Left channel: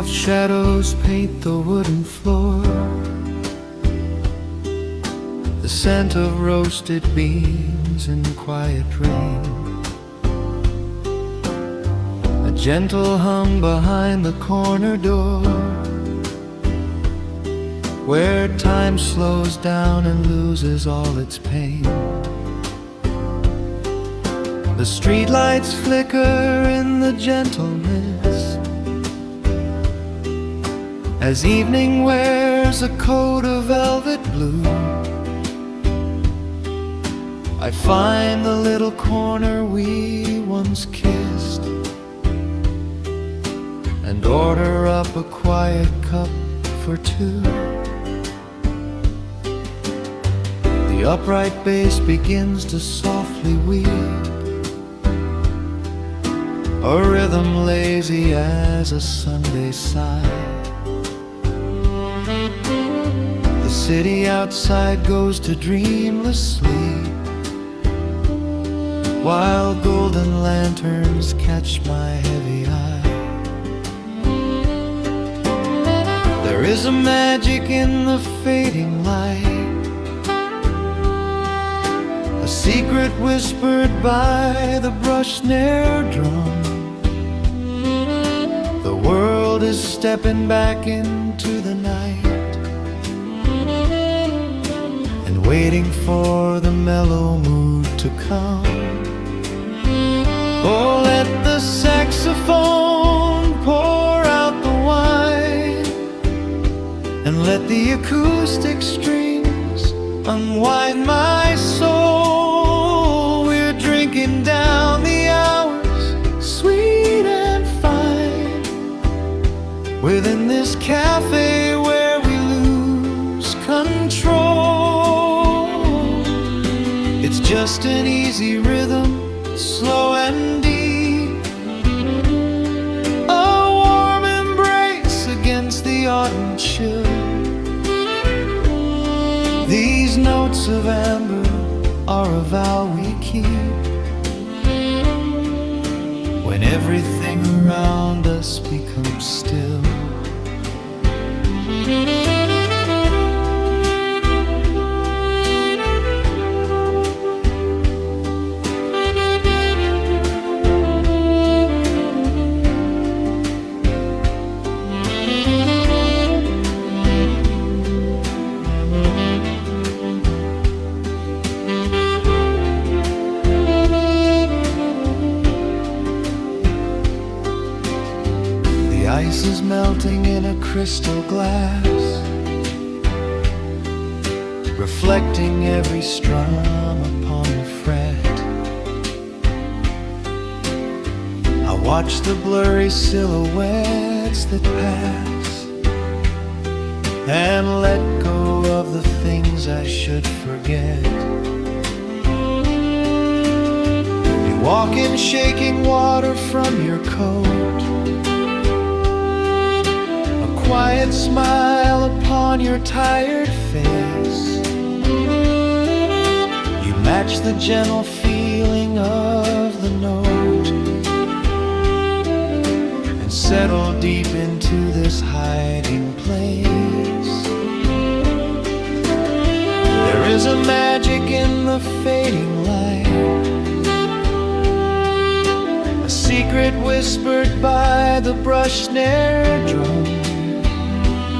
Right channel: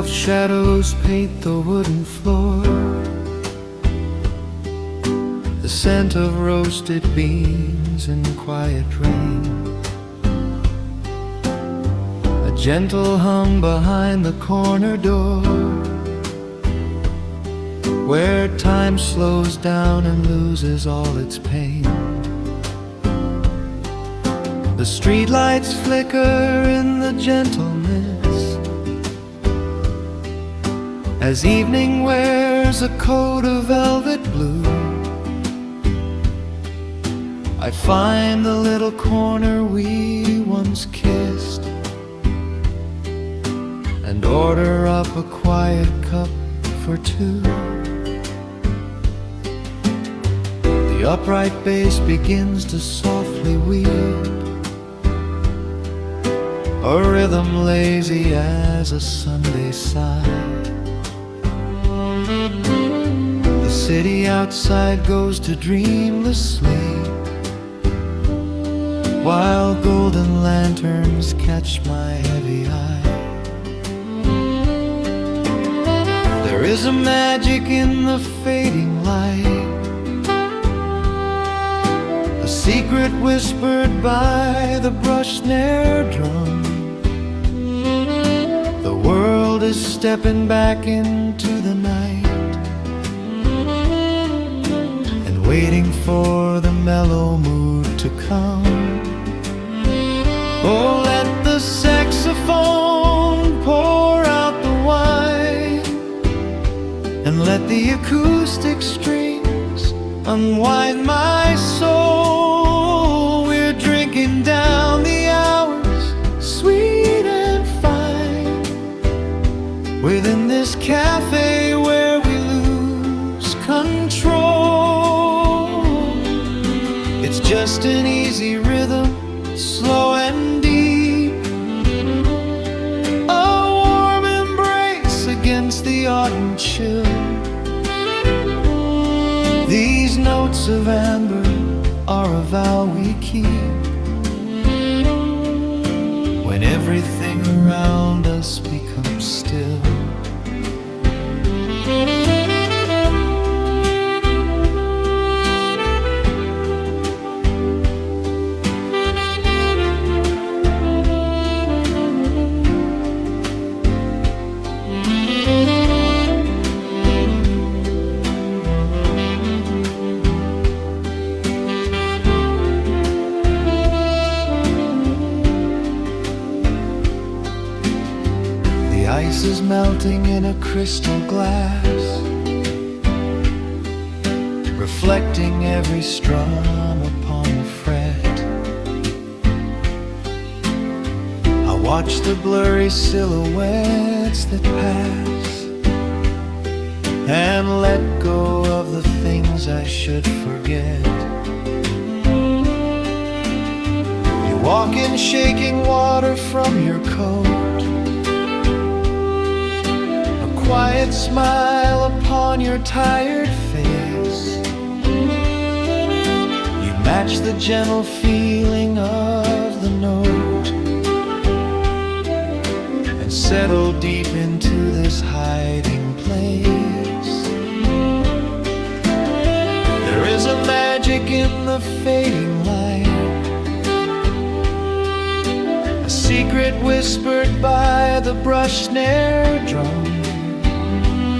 Soft shadows paint the wooden floor, the scent of roasted beans and quiet rain, a gentle hum behind the corner door, where time slows down and loses all its pain. The streetlights flicker in the gentle mist, as evening wears a coat of velvet blue. I find the little corner we once kissed, and order up a quiet cup for two. The upright bass begins to softly weep, a rhythm lazy as a Sunday sigh. The city outside goes to dreamless sleep, while golden lanterns catch my heavy eye. There is a magic in the fading light, a secret whispered by the brush snare drum. The world is stepping back into the night and waiting for the mellow mood to come. Oh, let the saxophone pour out the wine, and let the acoustic strings unwind my soul. We're drinking down the hours, sweet and fine, within this cafe where we lose control. It's just an easy rhythm, slow and deep, a warm embrace against the autumn chill. These notes of amber are a vow we keep, when everything around us becomes still. The ice is melting in a crystal glass, reflecting every strum upon the fret. I watch the blurry silhouettes that pass, and let go of the things I should forget. You walk in shaking water from your coat, quiet smile upon your tired face. You match the gentle feeling of the note, and settle deep into this hiding place. There is a magic in the fading light, a secret whispered by the brush snare drum.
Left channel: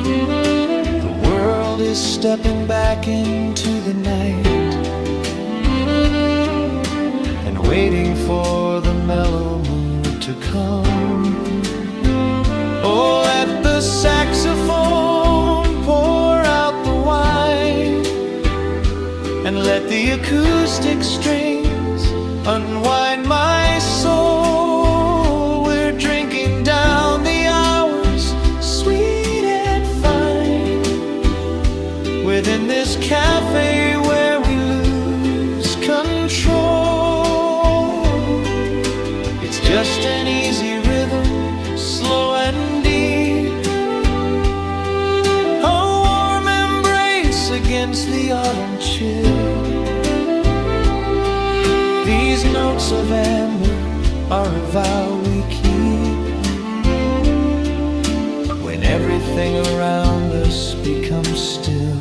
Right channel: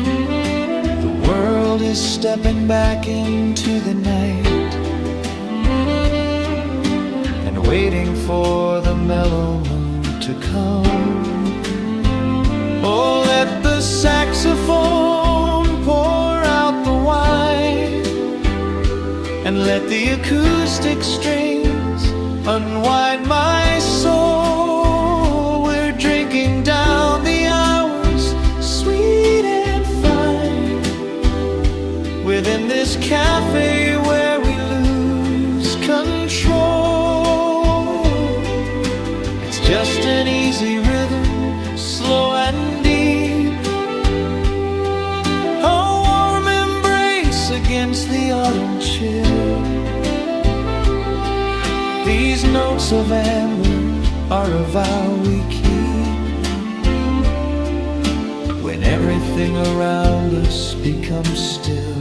The world is stepping back into the night and waiting for the mellow mood to come. Oh, let the saxophone pour out the wine, and let the acoustic strings unwind my soul. We're drinking down the hours, sweet and fine, within this cafe where we lose control. It's just an easy rhythm, slow and deep, a warm embrace against the autumn chill. These notes of amber are a vow we keep, when everything around us becomes still.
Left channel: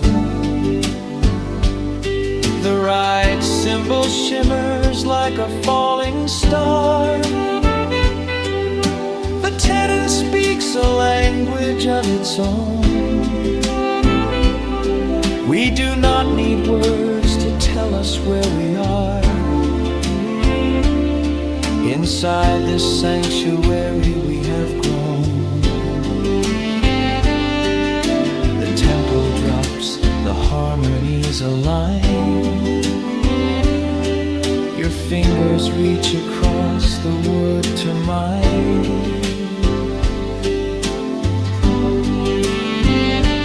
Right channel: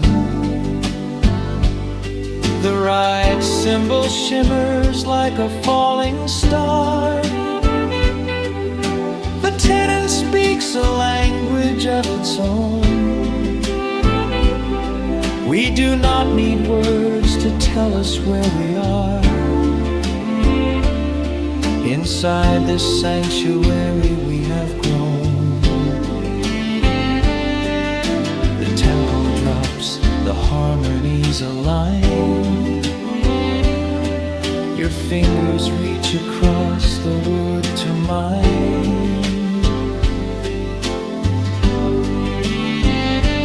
The right cymbal shimmers like a falling star. The tenor speaks a language of its own. We do not need words to tell us where we are. Inside this sanctuary we have grown. The tempo drops, the harmonies align. Your fingers reach across the wood to mine.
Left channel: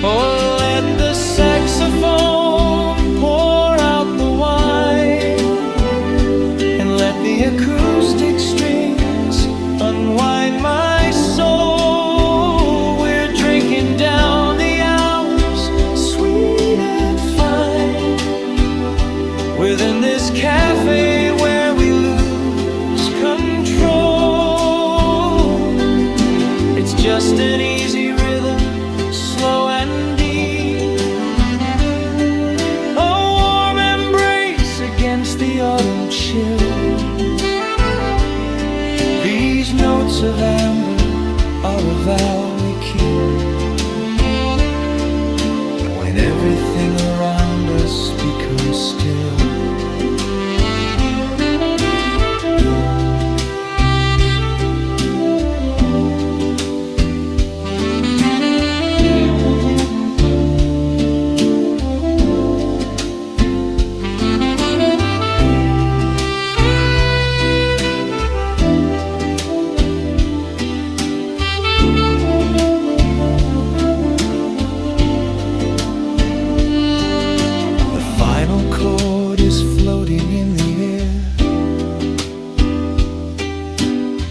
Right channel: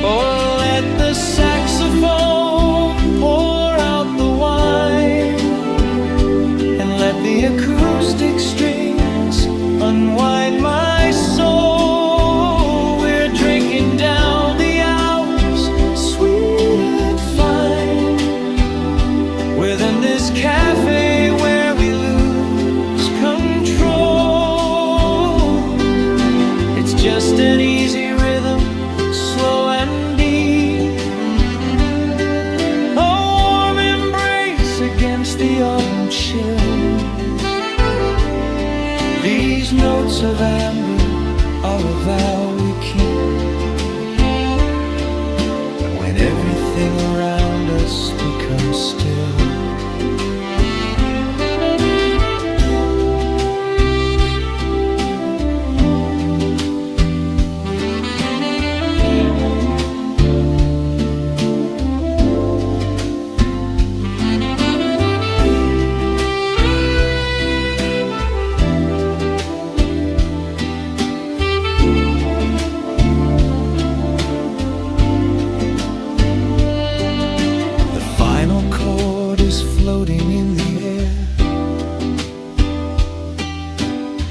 Oh, let the saxophone pour out the wine, and let the acoustic strings unwind my soul. We're drinking down the hours, sweet and fine, within this cafe where we lose control. It's just an easy rhythm, slow and deep, a warm embrace against the autumn chill. These notes of amber are a vow we keep when everything around us becomes still. The final chord is floating in the air.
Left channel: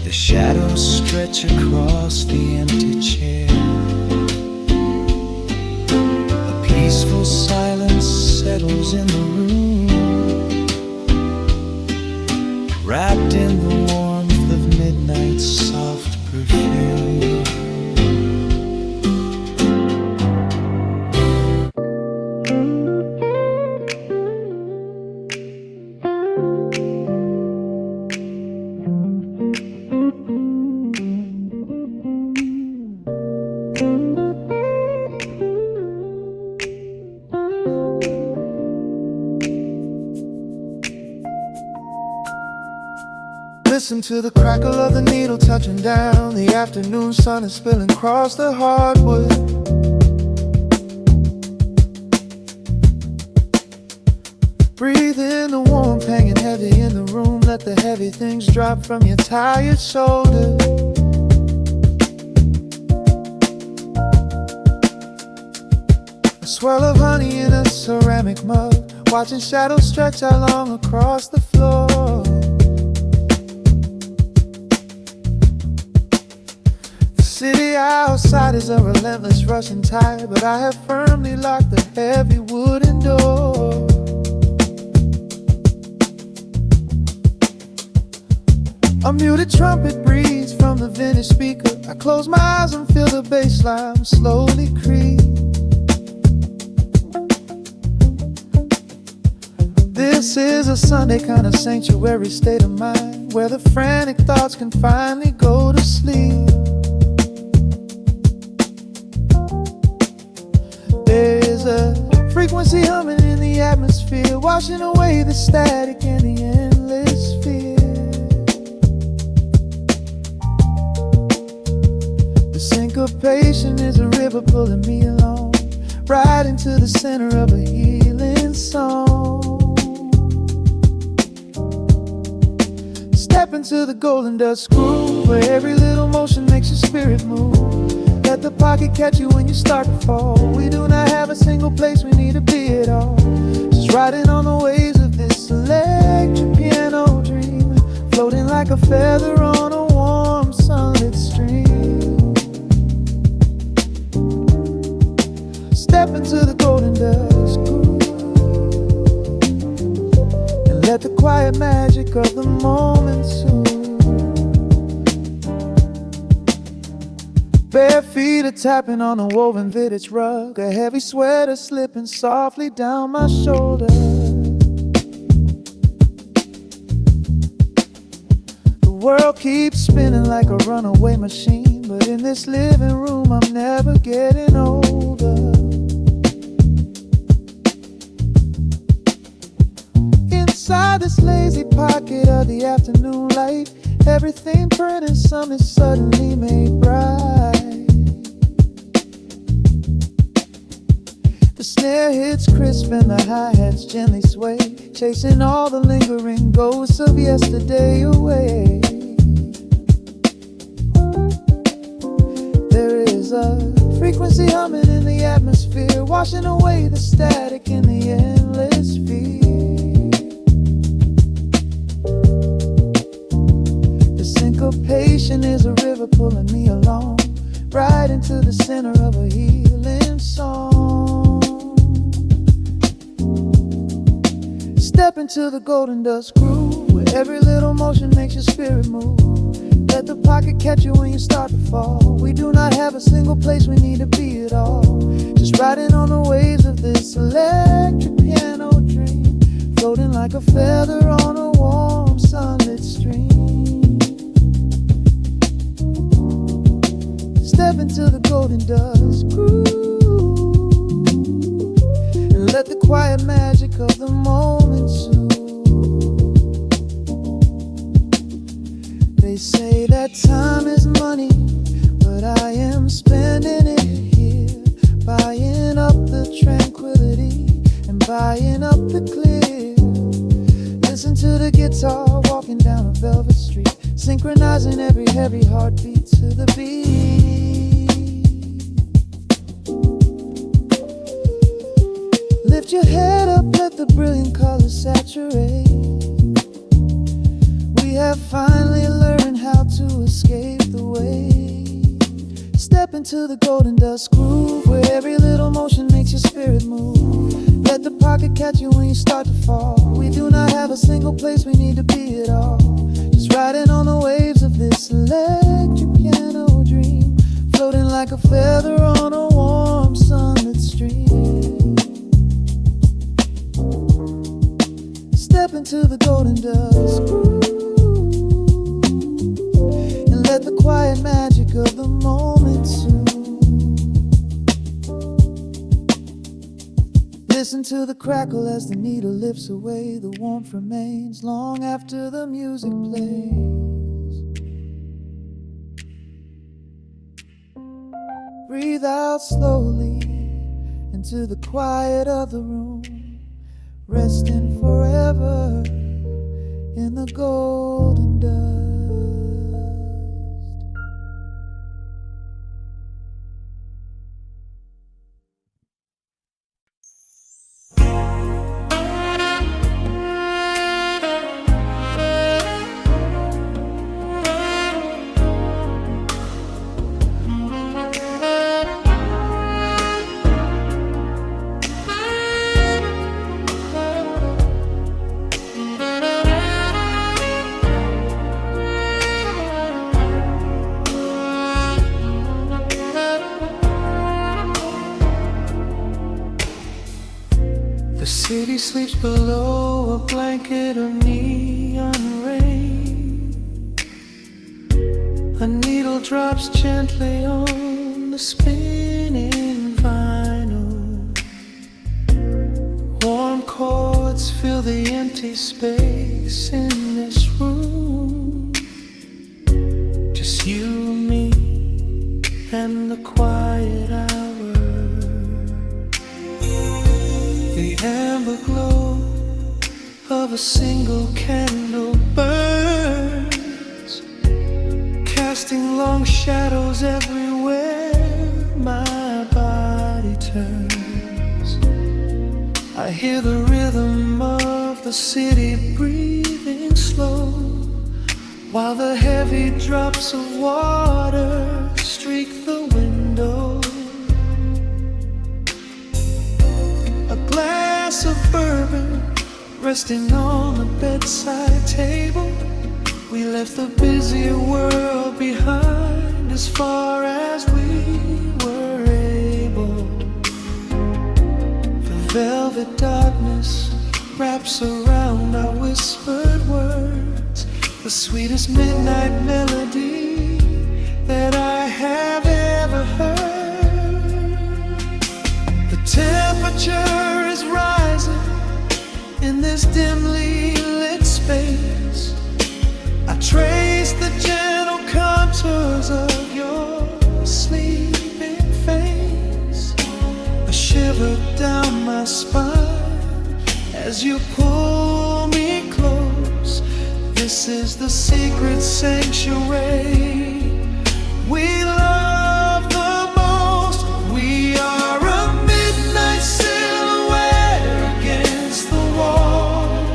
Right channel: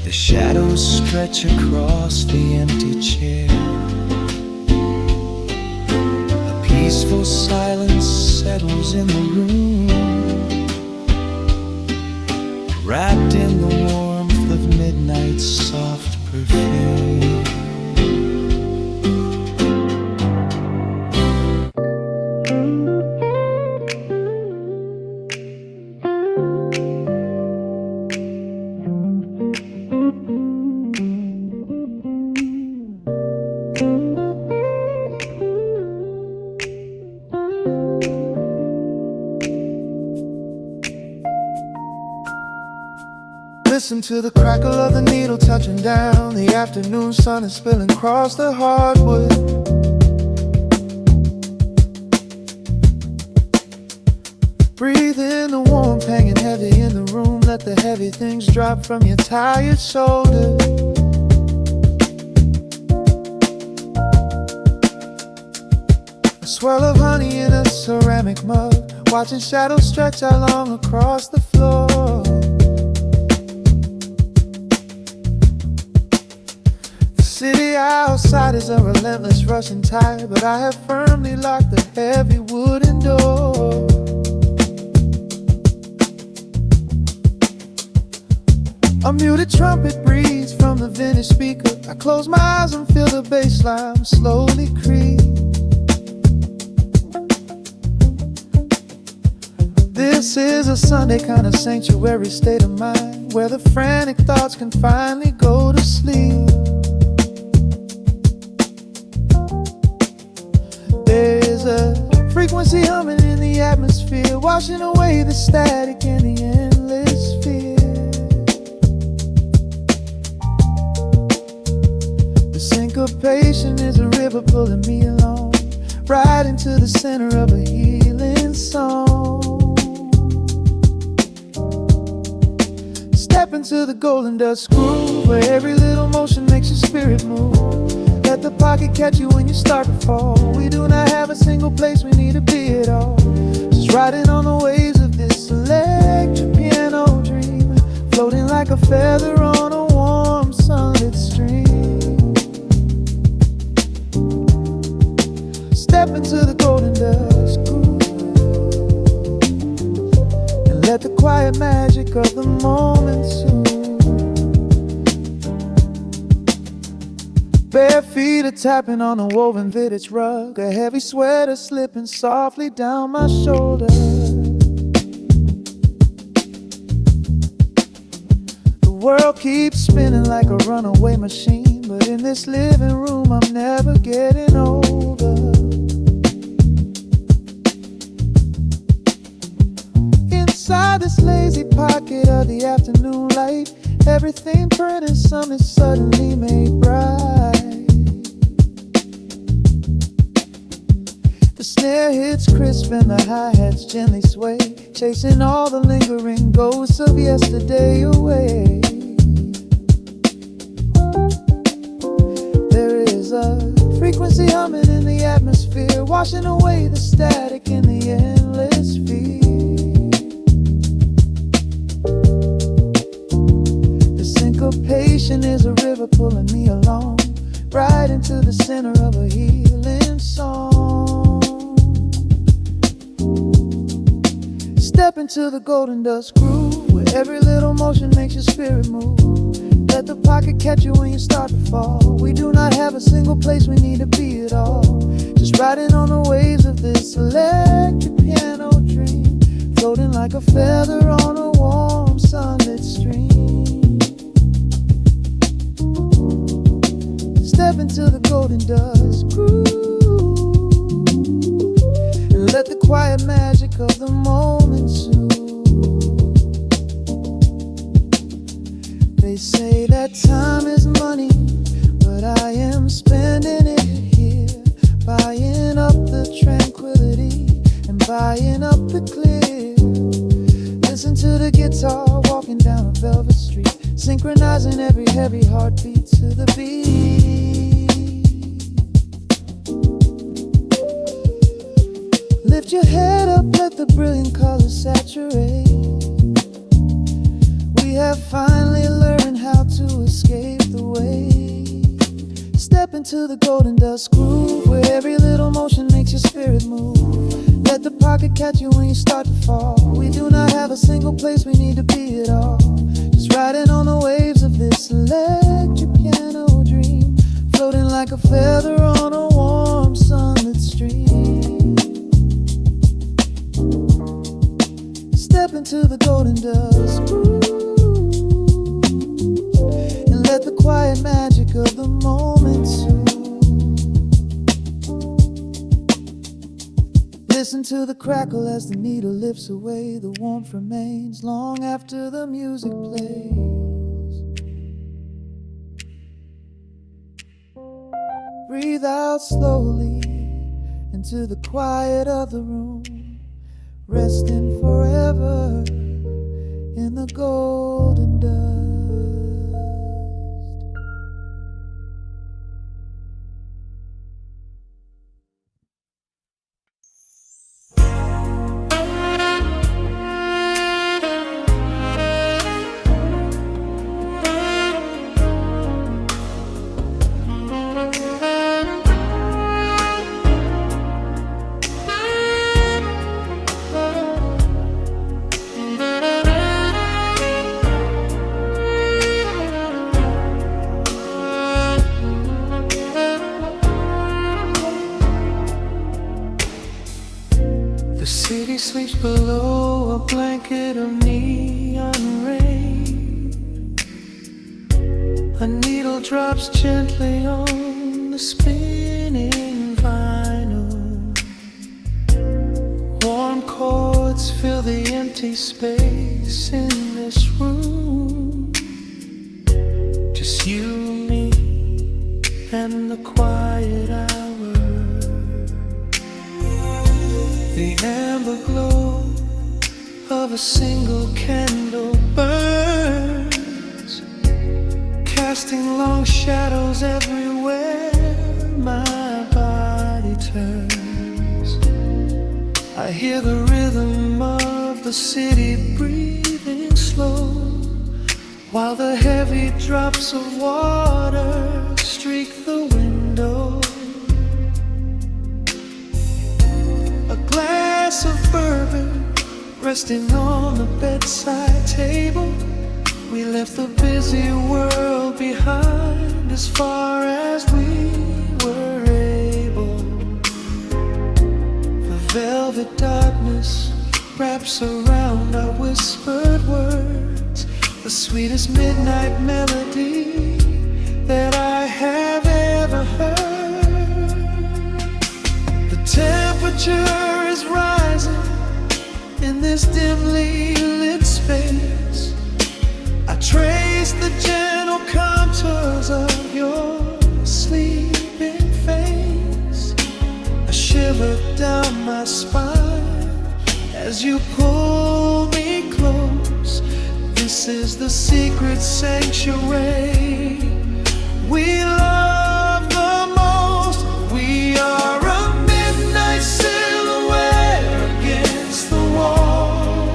The shadows stretch across the empty chair. A peaceful silence settles in the room, wrapped in the warmth of midnight's soft perfume. Listen to the crackle of the needle touching down. The afternoon sun is spilling across the hardwood. Breathe in the warmth hanging heavy in the room. Let the heavy things drop from your tired shoulders. A swirl of honey in a ceramic mug, watching shadows stretch out long across the floor. City outside is a relentless rushing tide, but I have firmly locked the heavy wooden door. A muted trumpet breathes from the vintage speaker. I close my eyes and feel the bassline slowly creep. This is a Sunday kind of sanctuary state of mind, where the frantic thoughts can finally go to sleep. There's a frequency humming in the atmosphere, washing away the static and the endless fear. The syncopation is a river pulling me along, right into the center of a healing song. Step into the golden dust groove, where every little motion makes your spirit move. Let the pocket catch you when you start to fall. We do not have a single place we need to be at all. Just riding on the waves of this electric piano dream, floating like a feather on a warm sunlit stream. Step into the golden dust groove, and let the quiet magic of the moment soothe. Bare feet feet are tapping on a woven vintage rug, a heavy sweater slipping softly down my shoulder. The world keeps spinning like a runaway machine, but in this living room I'm never getting older. Inside this lazy pocket of the afternoon light, everything burning, something suddenly made bright. The snare hits crisp and the hi-hats gently sway, chasing all the lingering ghosts of yesterday away. There is a frequency humming in the atmosphere, washing away the static in the endless fear. Syncopation is a river pulling me along, right into the center of a healing song. Step into the golden dust groove, where every little motion makes your spirit move. Let the pocket catch you when you start to fall. We do not have a single place we need to be at all. Just riding on the waves of this electric piano dream, floating like a feather on a warm sunlit stream. Step into the golden dust groove and let the quiet magic of the moment soothe. They say that time is money, but I am spending it here, buying up the tranquility and buying up the clear. Listen to the guitar walking down a velvet street, synchronizing every heavy heartbeat to the beat. Lift your head up, let the brilliant colors saturate. We have finally learned how to escape the wave. Step into the golden dust groove, where every little motion makes your spirit move. Let the pocket catch you when you start to fall. We do not have a single place we need to be at all. Just riding on the waves of this electric piano dream, floating like a feather on a warm sunlit stream. Step into the golden dust groove and let the quiet magic of the moment soothe. Listen to the crackle as the needle lifts away. The warmth remains long after the music plays. Breathe out slowly into the quiet of the room, resting forever in the golden dust. The city sleeps below a blanket of neon rain. A needle drops gently on the spinning vinyl. Warm chords fill the empty space in this room. Just you, me, and the quiet hour. The amber glow of a single candle burns, casting long shadows everywhere my body turns. I hear the rhythm of the city breathing slow, while the heavy drops of water streak the window. A glass of bourbon resting on the bedside table. We left the busy world behind as far as we velvet darkness wraps around our whispered words, the sweetest midnight melody that I have ever heard. The temperature is rising in this dimly lit space. I trace the gentle contours of your sleeping face. A shiver down my spine as you pull me close. This is the secret sanctuary we love the most. We are a midnight silhouette against the wall,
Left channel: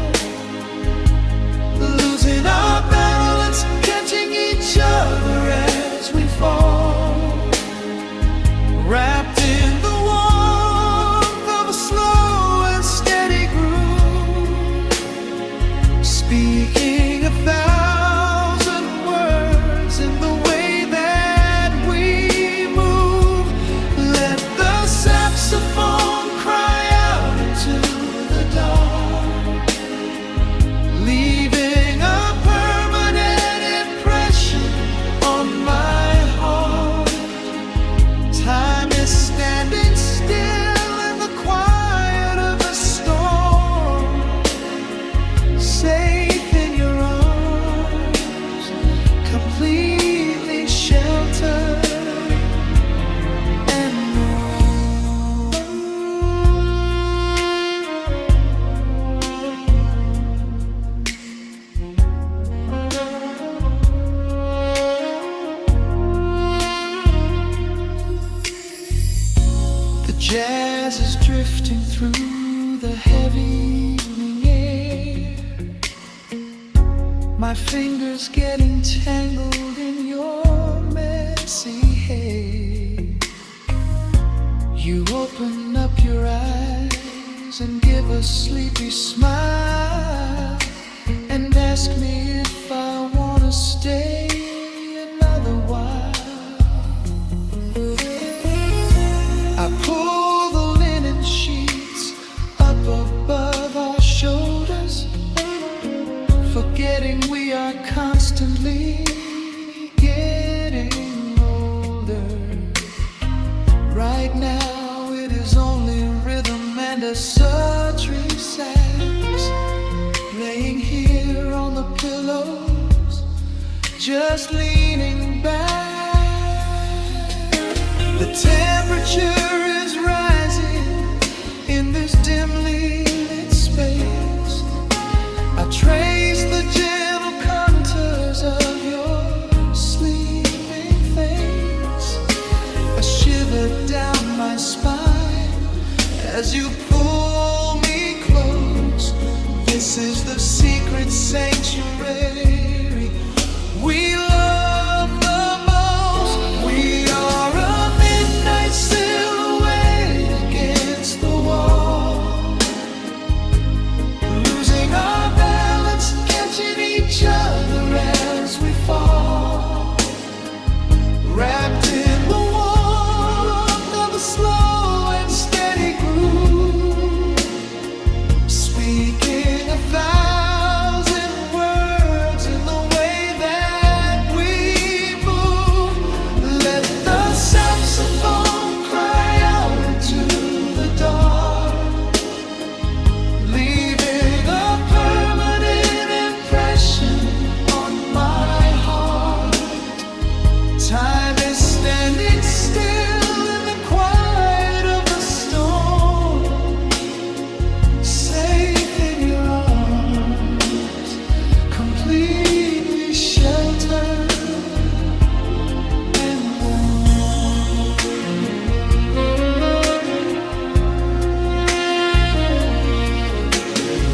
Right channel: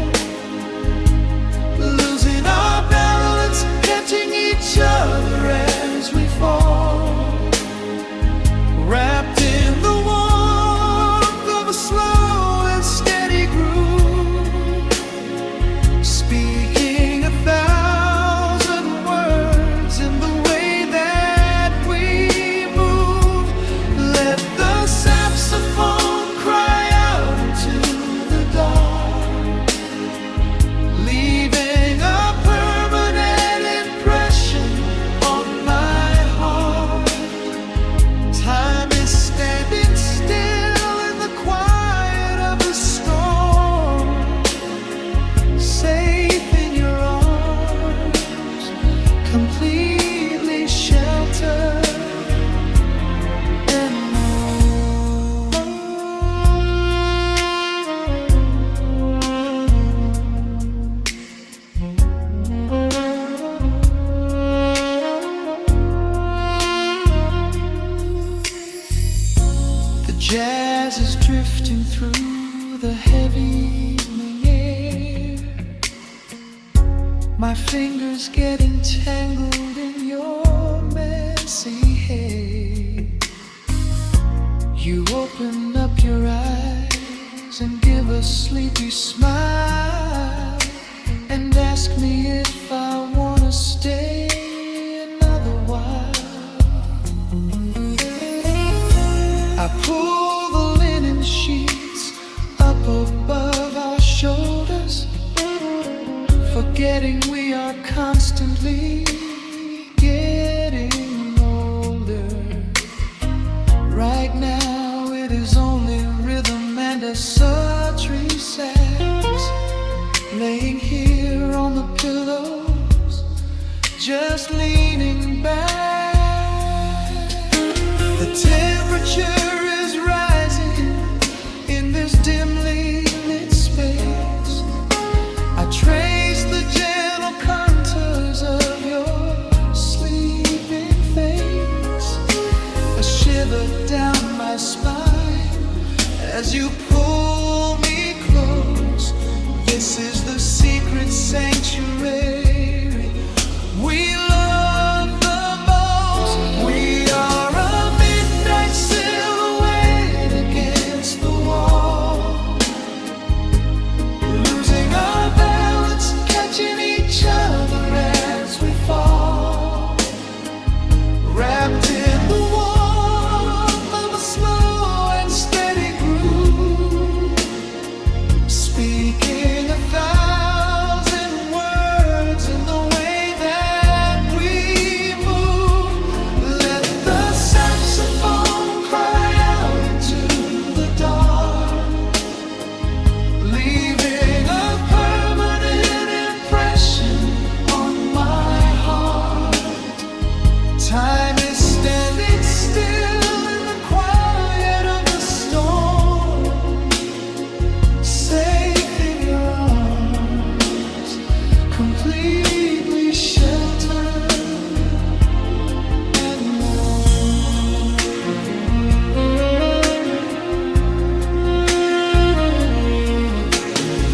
losing our balance, catching each other as we fall, wrapped in the warmth of a slow and steady groove, speaking 1,000 words in the way that we move. Let the saxophone cry out into the dark, leaving a permanent impression on my heart. Time is standing still in the quiet of the storm, safe in your arms, completely sheltered and more. The jazz is drifting through the heavy evening air, my fingers getting tangled in your messy hair. You open up your eyes and give a sleepy smile and ask me if I wanna stay another while. I pull the linen sheets up above our shoulders, forgetting we are constantly getting older. Right now it is only rhythm and a sultry sax, laying here on the pillows, just leaning back. The temperature is rising in this dimly lit space. I trace the gentle contours of your sleeping face. A shiver down my spine as you pull me close. This is the secret sanctuary we love the most. We are a midnight silhouette against the wall, losing our balance, catching each other as we fall, wrapped in the warmth of a slow and steady groove, speaking 1,000 words in the way that we move. Let the saxophone cry out into the dark, leaving a permanent impression on my heart. Time is standing still in the quiet of the storm, safe in your arms, completely sheltered and warm.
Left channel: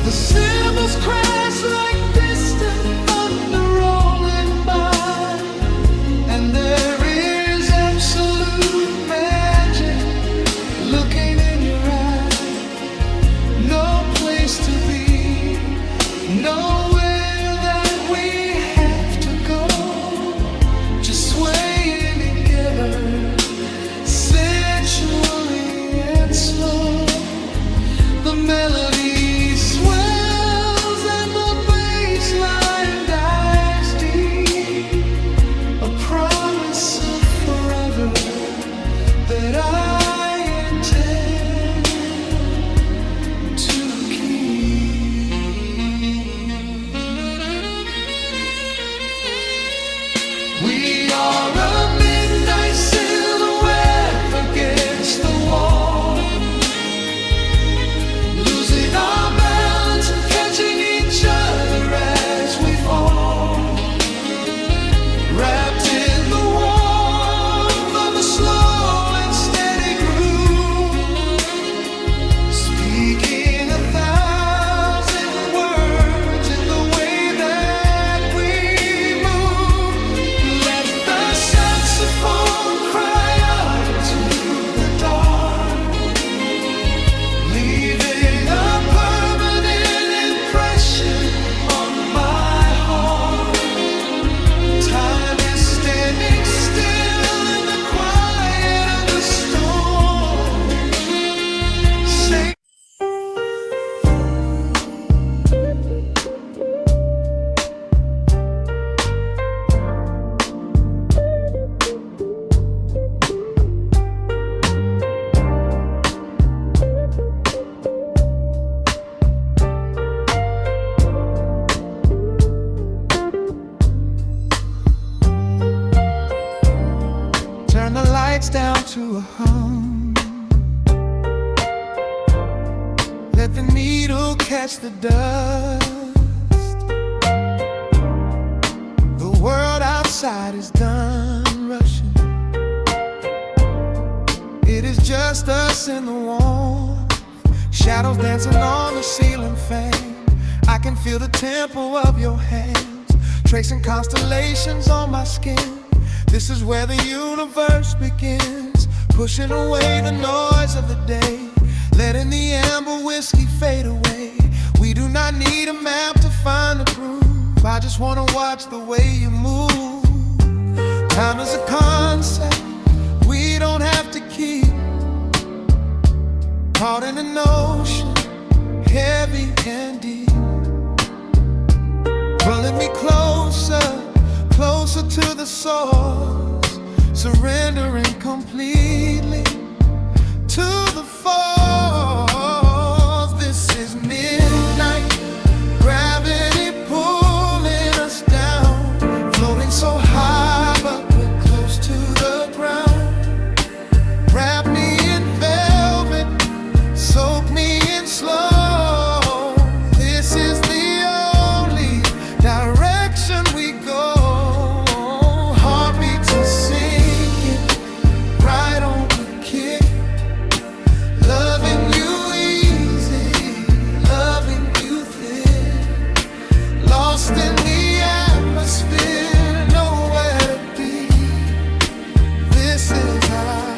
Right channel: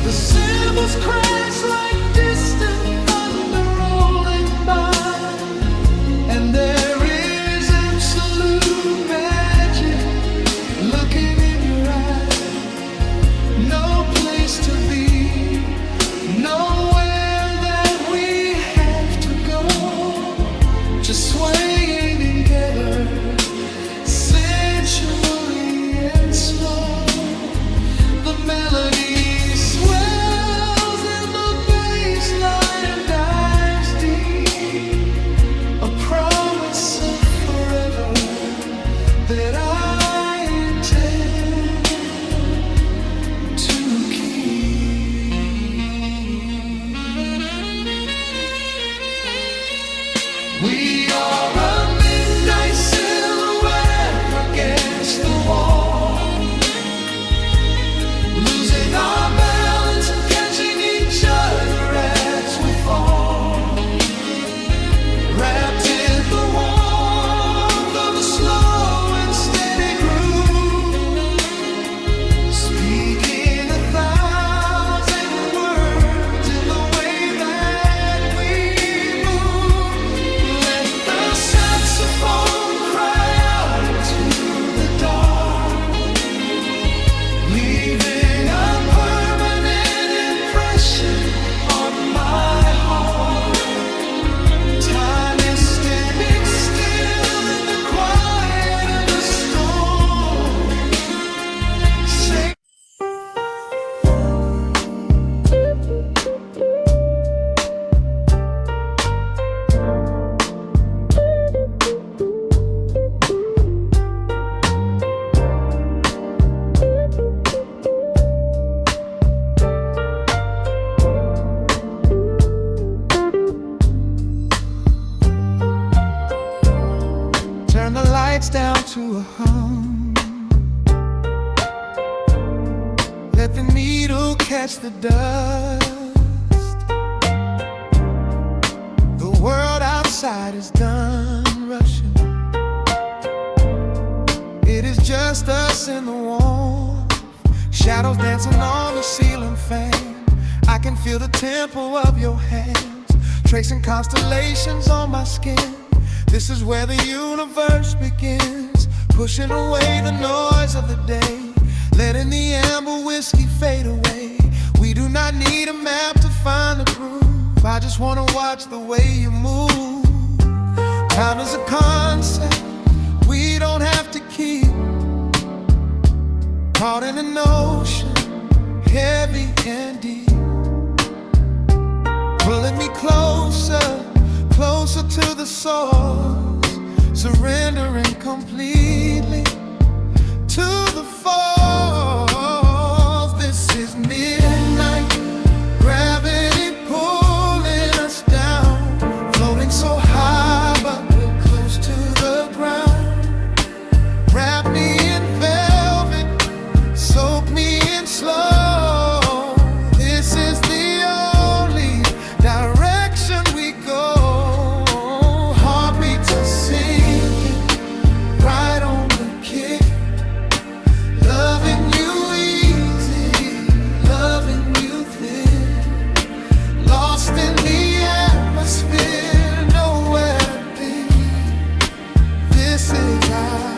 The cymbals crash like distant thunder rolling by, and there is absolute magic looking in your eye. No place to be, nowhere that we have to go, just swaying together, sensually and slow. melody swells and the bassline dives deep, a promise of forever that I intend to keep. We are a midnight silhouette against the wall, losing our balance, catching each other as we fall, wrapped in the warmth of a slow and steady groove, speaking 1,000 words in the way that we move. Let the saxophone cry out into the dark, leaving a permanent impression on my heart. Time is standing still in the quiet of the storm. Say turn the lights down to a hum, let the needle catch the dust. The world outside is done rushing, it is just us in the warmth, shadows dancing on the ceiling fan. I can feel the tempo of your hands, tracing constellations on my skin. This is where the universe begins, pushing away the noise of the day, letting the amber whiskey fade away. We do not need a map to find the groove, I just wanna watch the way you move. Time is a concept we don't have to keep, caught in an ocean, heavy and deep, pulling me closer, closer to the source, surrendering completely to the force. This is midnight, gravity pulling us down, floating so high but we're close to the ground. Wrap me in velvet, soak me in slow. This is the only direction we go. Heartbeats are sinking, right on the kick. Loving you easy, loving you thin. Lost in the atmosphere, nowhere to be. This is our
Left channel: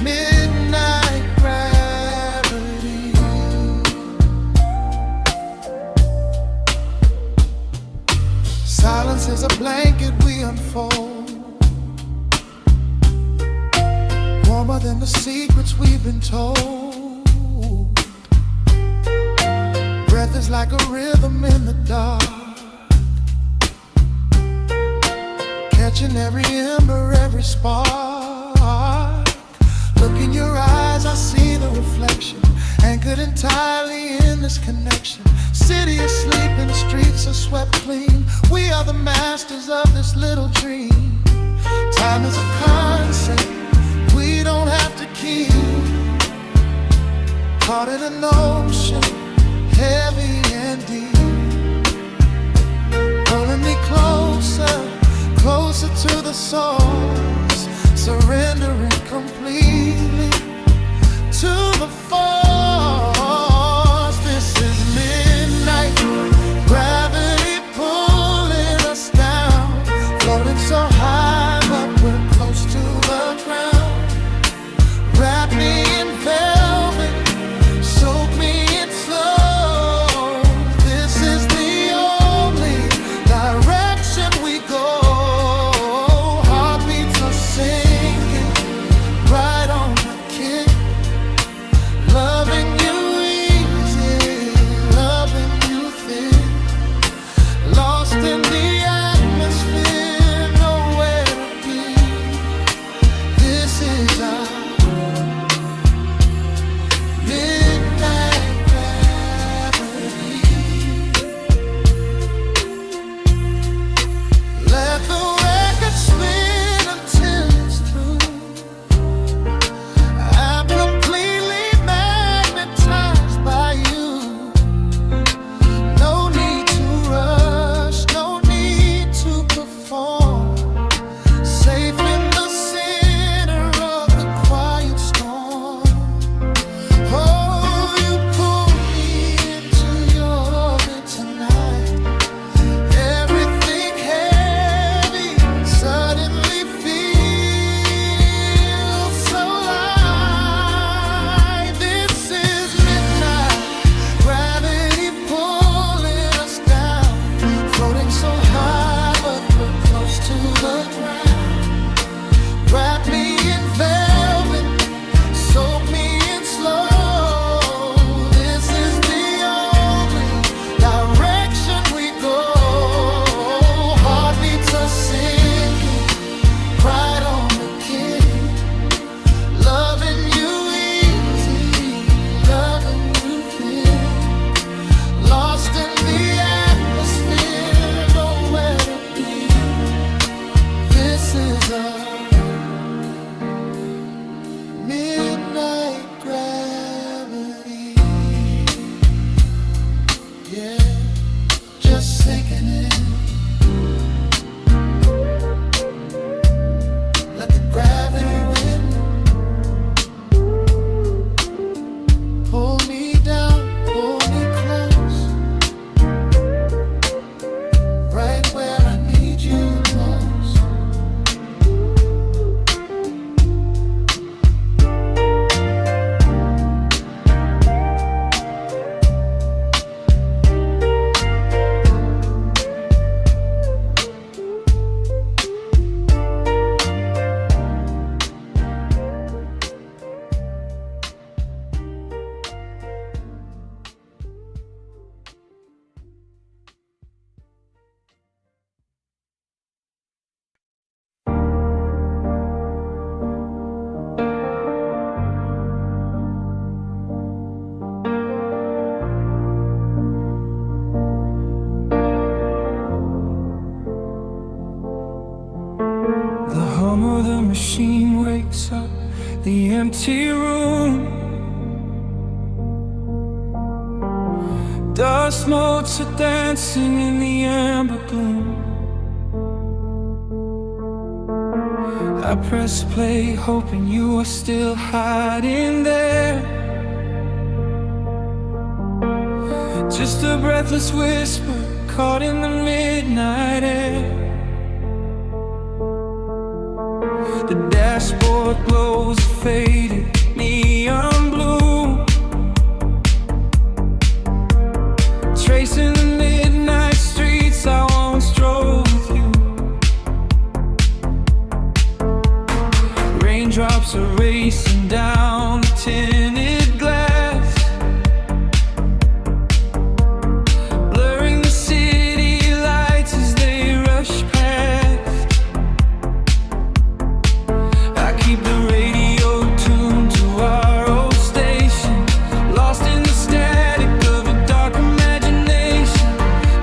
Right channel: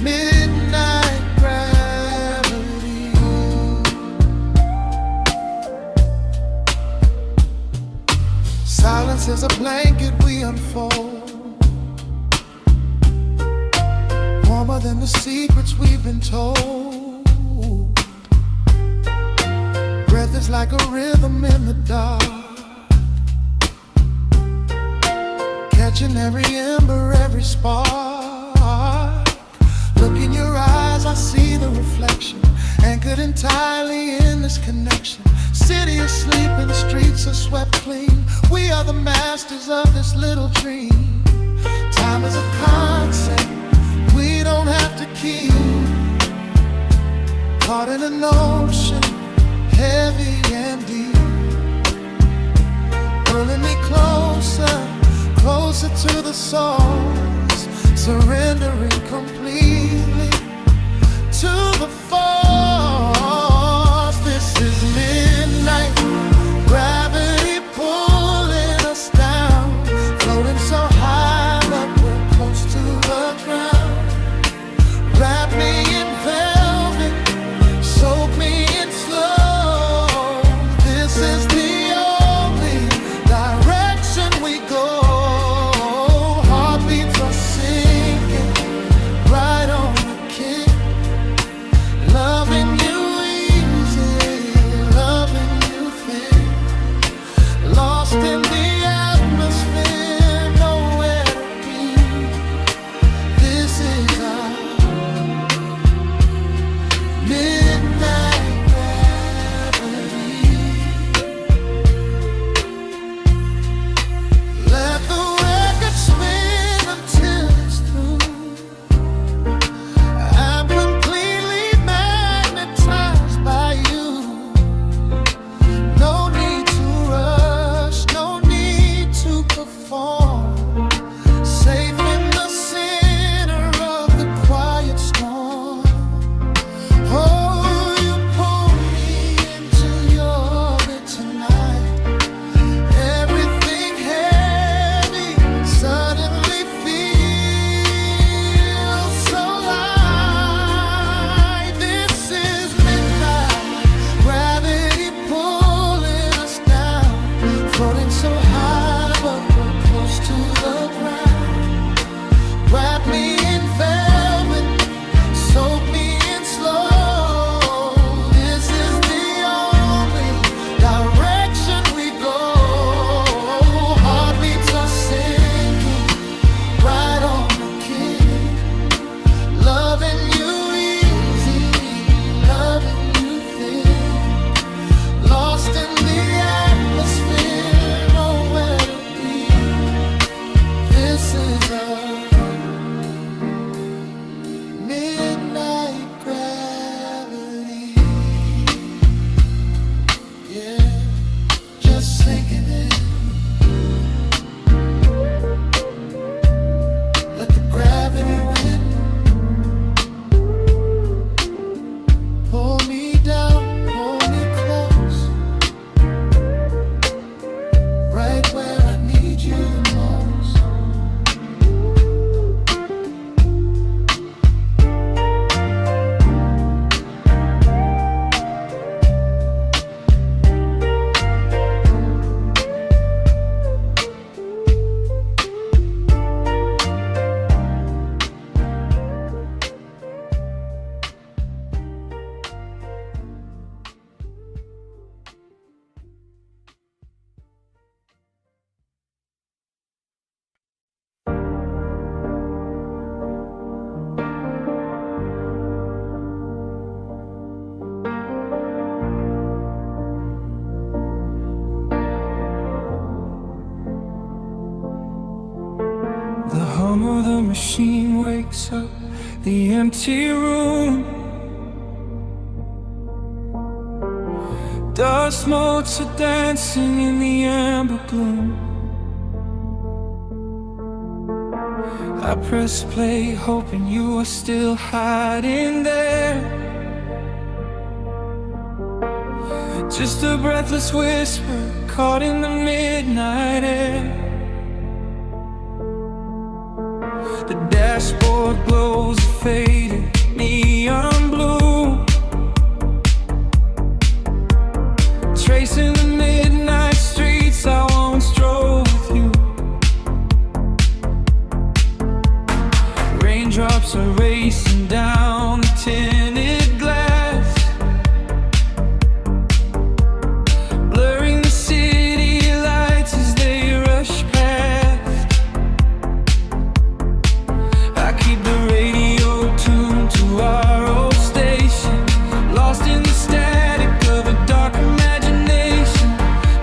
midnight gravity. Silence is a blanket we unfold, warmer than the secrets we've been told. Breath is like a rhythm in the dark, catching every ember, every spark. Look in your eyes, I see the reflection, anchored entirely in this connection. City asleep and the streets are swept clean. We are the masters of this little dream. Time is a concept we don't have to keep, caught in an ocean, heavy and deep, pulling me closer, closer to the source, surrendering completely to the force. This is midnight, gravity pulling us down, floating so high but we're close to the ground. Wrap me in velvet, soak me in slow. This is the only direction we go. Heartbeats are sinking, right on the kick. machine wakes up the empty room. Dust motes are dancing in the amber gloom. I press play, hoping you are still hiding there. Just a breathless whisper caught in the midnight air. The dashboard glows a faded neon blue, tracing the midnight streets I once drove with you. Raindrops are racing down the tinted glass, blurring the city lights as they rush past. I keep the radio tuned to our old station, lost in the static of a dark imagination.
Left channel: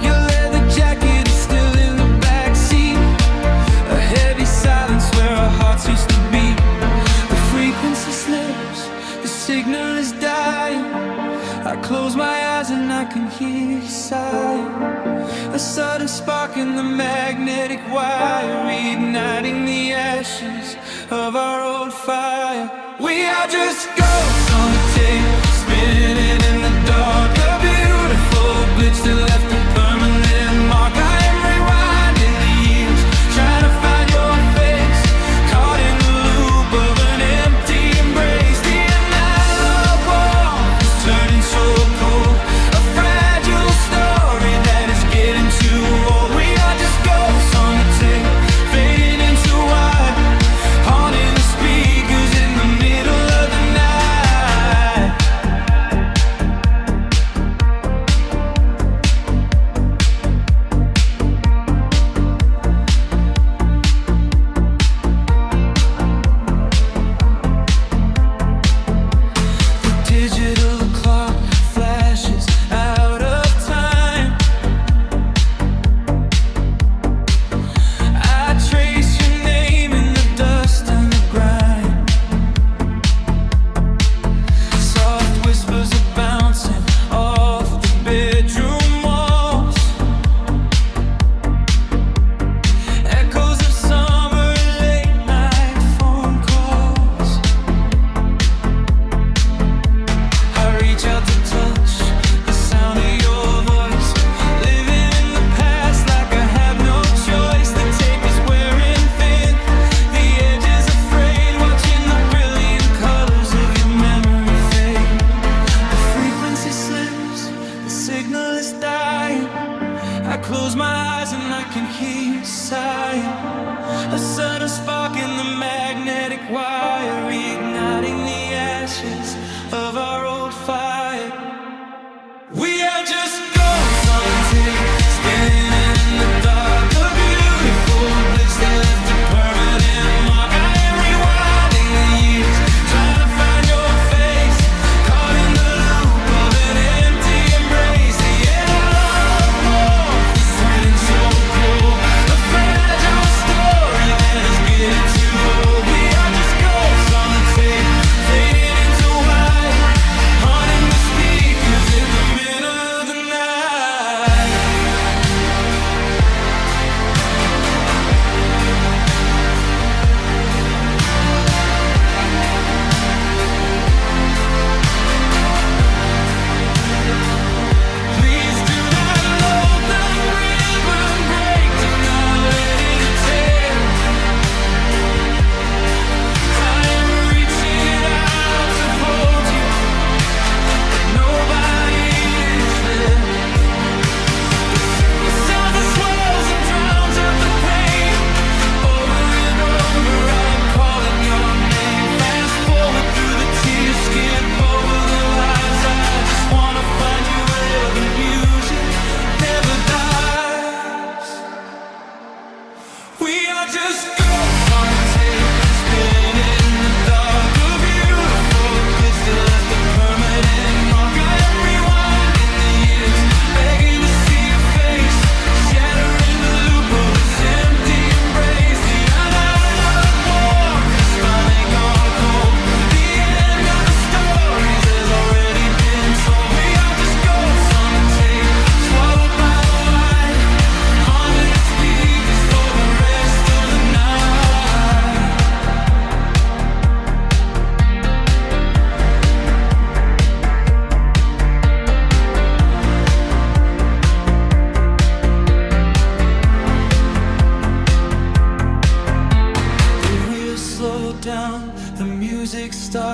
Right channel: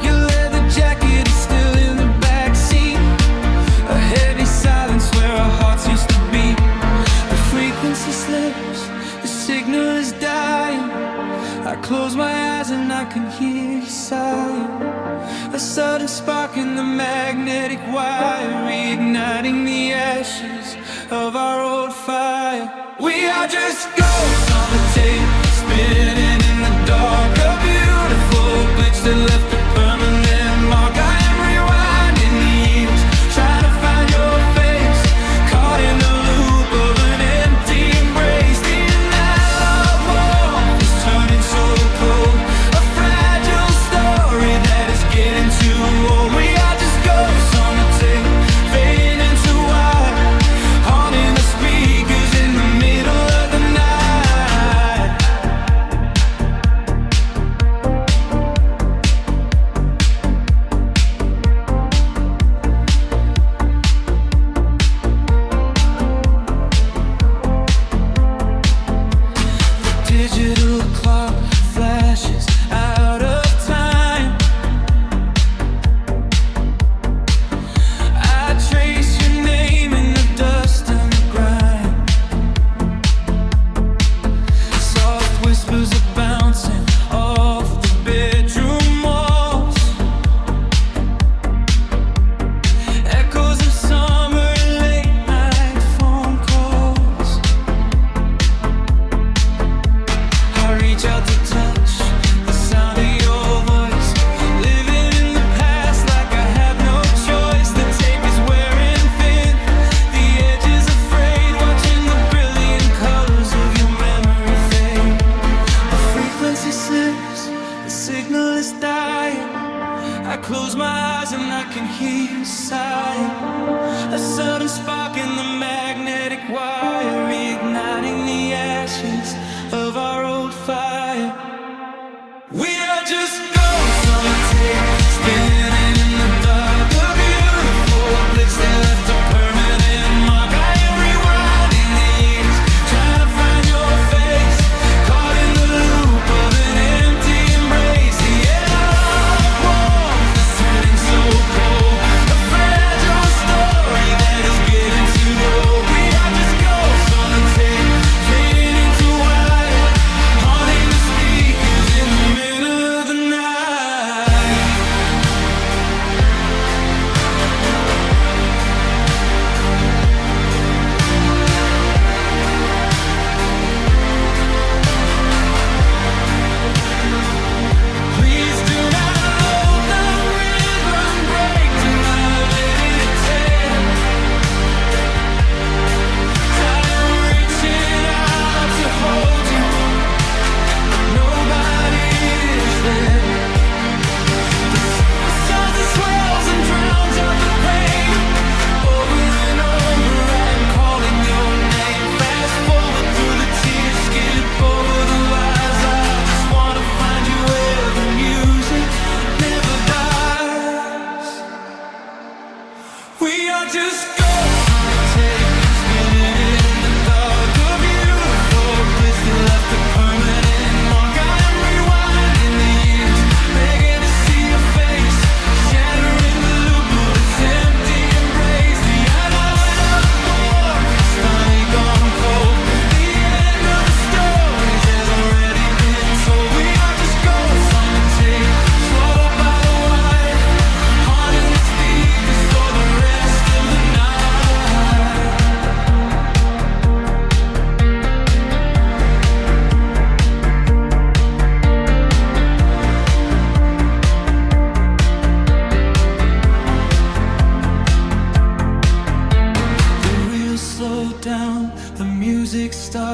Your leather jacket is still in the backseat, a heavy silence where our hearts used to beat. The frequency slips, the signal is dying. I close my eyes and I can hear you sighing. A sudden spark in the magnetic wire, reigniting the ashes of our old fire. We are just ghosts on the tape, spinning in the dark. A beautiful glitch that left a permanent mark. I am rewinding the years, trying to find your face, caught in the loop of an empty embrace. The analog warmth is turning so cold, a fragile story that is getting too old. We are just ghosts on the tape, fading into white, haunting the speakers in the middle of the night. The digital clock flashes out of time. I trace your name in the dust and the grime. Soft whispers are bouncing off the bedroom walls, echoes of summer late night phone calls. I reach out to touch the sound of your voice, living in the past like I have no choice. The tape is wearing thin, the edge is afraid, watching the brilliant colors of your memory fade. The frequency slips, the signal is dying. I close my eyes and I can hear you sighing. A sudden spark in the magnetic wire, reigniting the ashes of our old fire. We are just ghosts on the tape, spinning in the dark. A beautiful glitch that left a permanent mark. I am rewinding the years, trying to find your face, caught in the loop of an empty embrace. The analog warmth is turning so cold, a fragile story that is getting too old. We are just ghosts on the tape, fading into white, haunting the speakers in the middle of the night. Please do not load the ribbon break, do not let it tear. I am reaching out to hold you, but nobody is there. The sound that swells and drowns out the pain. Over and over I'm calling your name. Fast forward through the tears, skip over the lies. I just wanna find you where the music never dies. We are just ghosts on the tape, spinning in the dark. A beautiful glitch that left a permanent mark. I am rewinding the years, begging to see your face, shattering the loop of this empty embrace. The analog warmth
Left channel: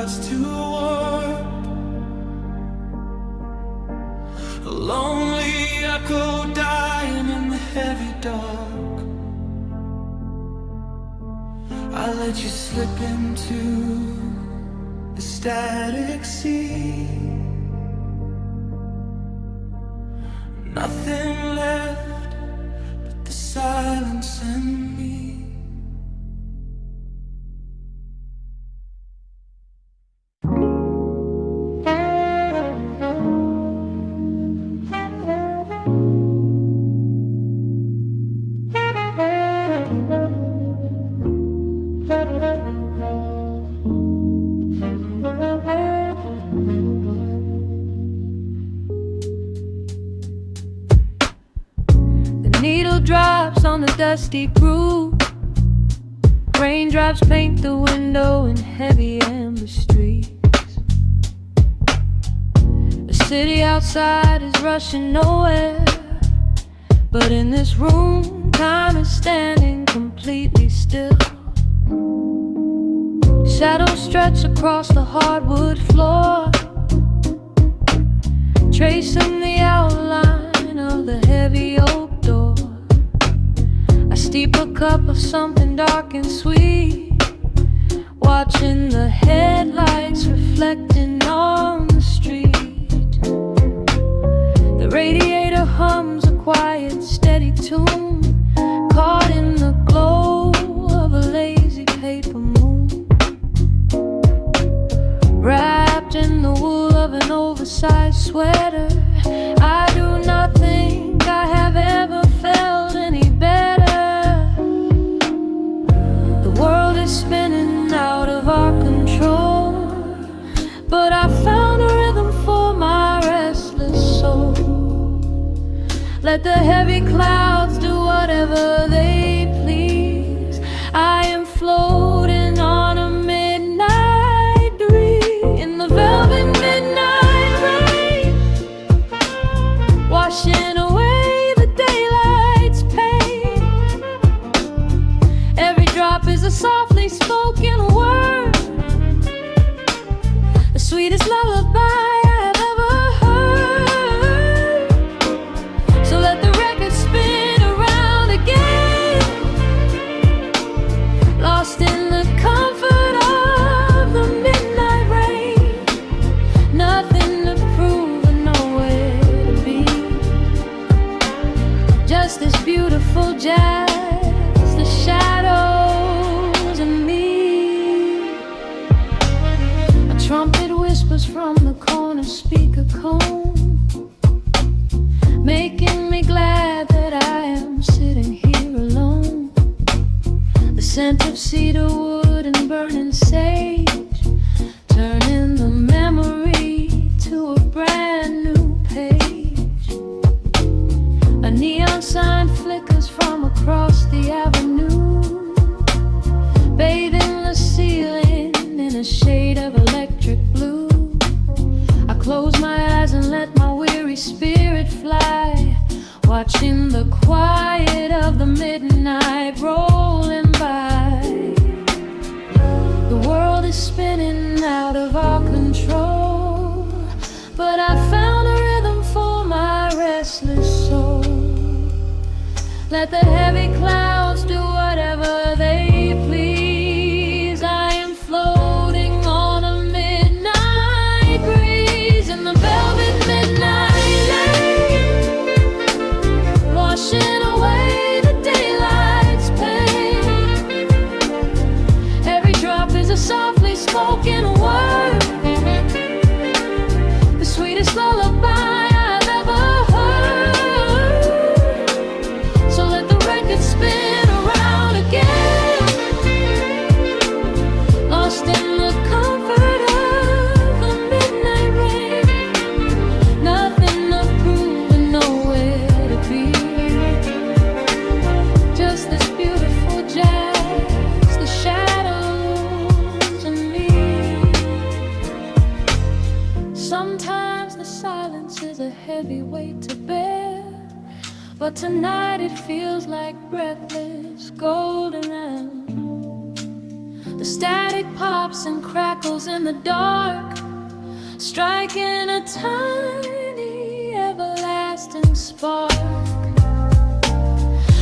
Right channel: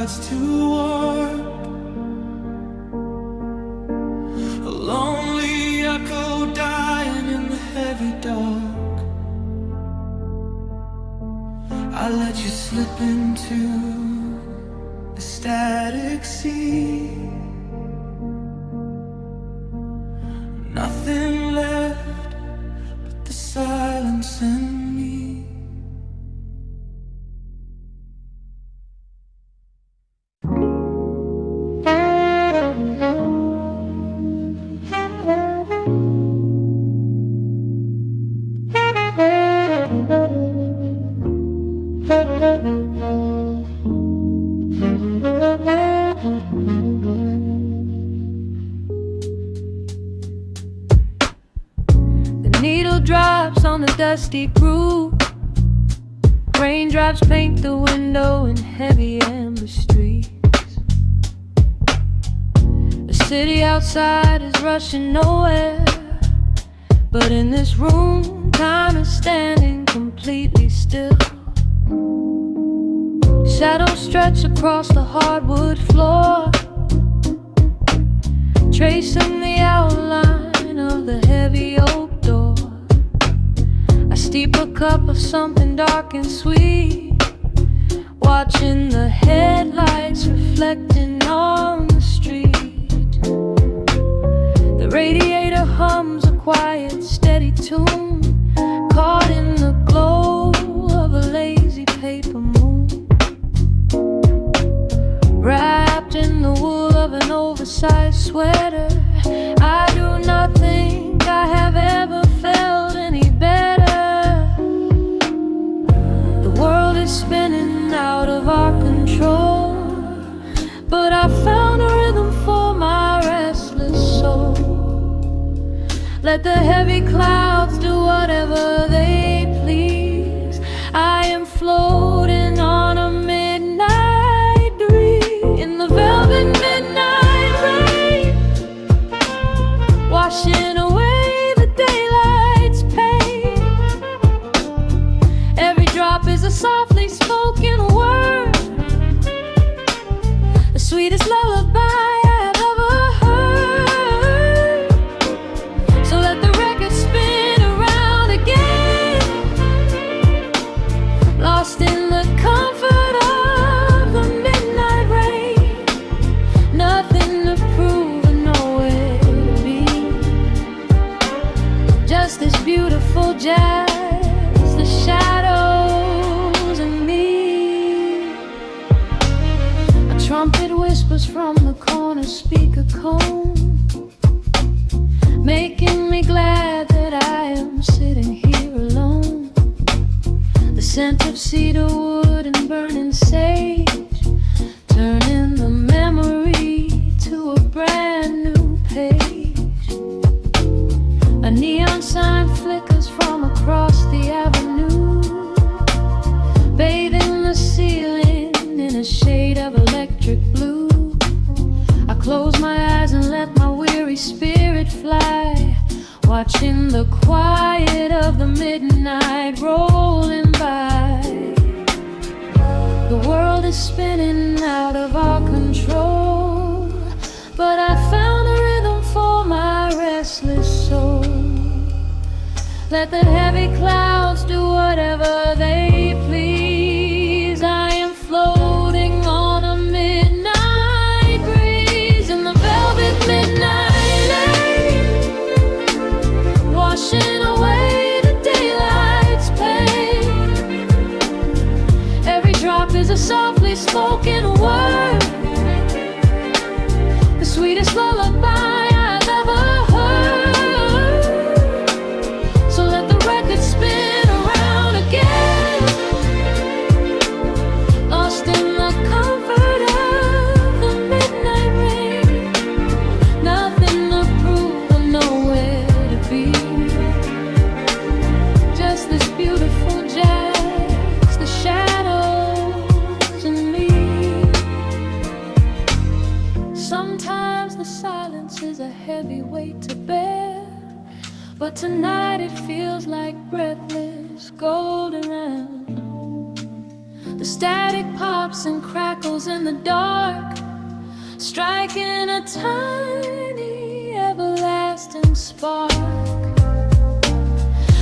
starts to warm. A lonely echo dying in the heavy dark. I let you slip into the static sea. Nothing left but the silence and me. Needle drops on the dusty groove. Raindrops paint the window in heavy amber streets. The city outside is rushing nowhere, but in this room, time is standing completely still. Shadows stretch across the hardwood floor, tracing the outline of the heavy oak door. I steep a cup of something dark and sweet, watching the headlights reflecting on the street. The radiator hums a quiet, steady tune, caught in the glow of a lazy paper moon. Wrapped in the wool of an oversized sweater, I do not think I have ever felt any better. The world is spinning out of our control, but I found a rhythm for my restless soul. Let the heavy clouds do whatever they please. I am floating on a midnight breeze in the velvet midnight rain, washing away the daylight's pain. Every drop is a softly spoken word, the sweetest lullaby I have ever heard. So let the record spin around again, lost in the comfort of the midnight rain. Nothing to prove and nowhere to be, just this beautiful jazz, the shadows and me. A trumpet whispers from the corner speaker cone, making me glad that I am sitting here alone. The scent of cedar wood and burning sage, turning the memory to a brand new page. A neon sign flickers from across the avenue, bathing the ceiling in a shade of electric blue. I close my eyes and let my weary spirit fly, watching the quiet of the midnight rolling by. The world is spinning out of our control, but I found a rhythm for my restless soul. Let the heavy clouds do whatever they please. I am floating on a midnight breeze in the velvet midnight lane, washing away the daylight's pain. Every drop is a softly spoken word, the sweetest lullaby I've ever heard. So let the record spin around again, lost in the comfort of the midnight rain. Nothing to prove and nowhere to be, just this beautiful jazz, the shadows and me. Sometimes the silence is a heavy weight to bear, but tonight it feels like breathless golden round. The static pops and crackles in the dark, striking a tiny, everlasting spark.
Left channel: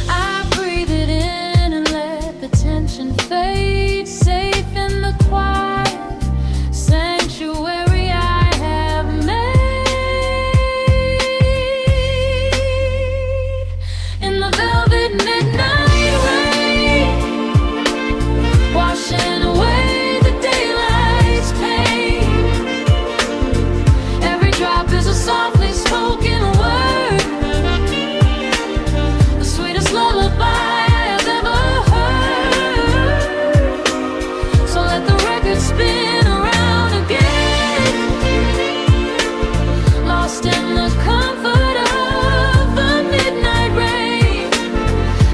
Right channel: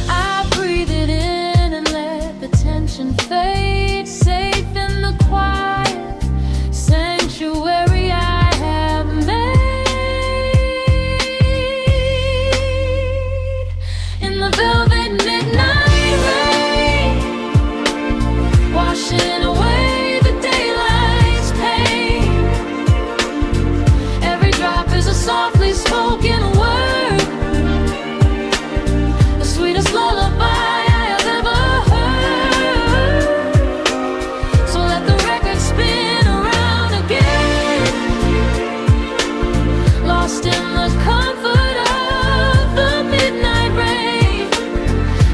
I breathe it in and let the tension fade, safe in the quiet sanctuary I have made. In the velvet midnight rain, washing away the daylight's pain. Every drop is a softly spoken word, the sweetest lullaby I have ever heard. So let the record spin around again, lost in the comfort of the midnight rain.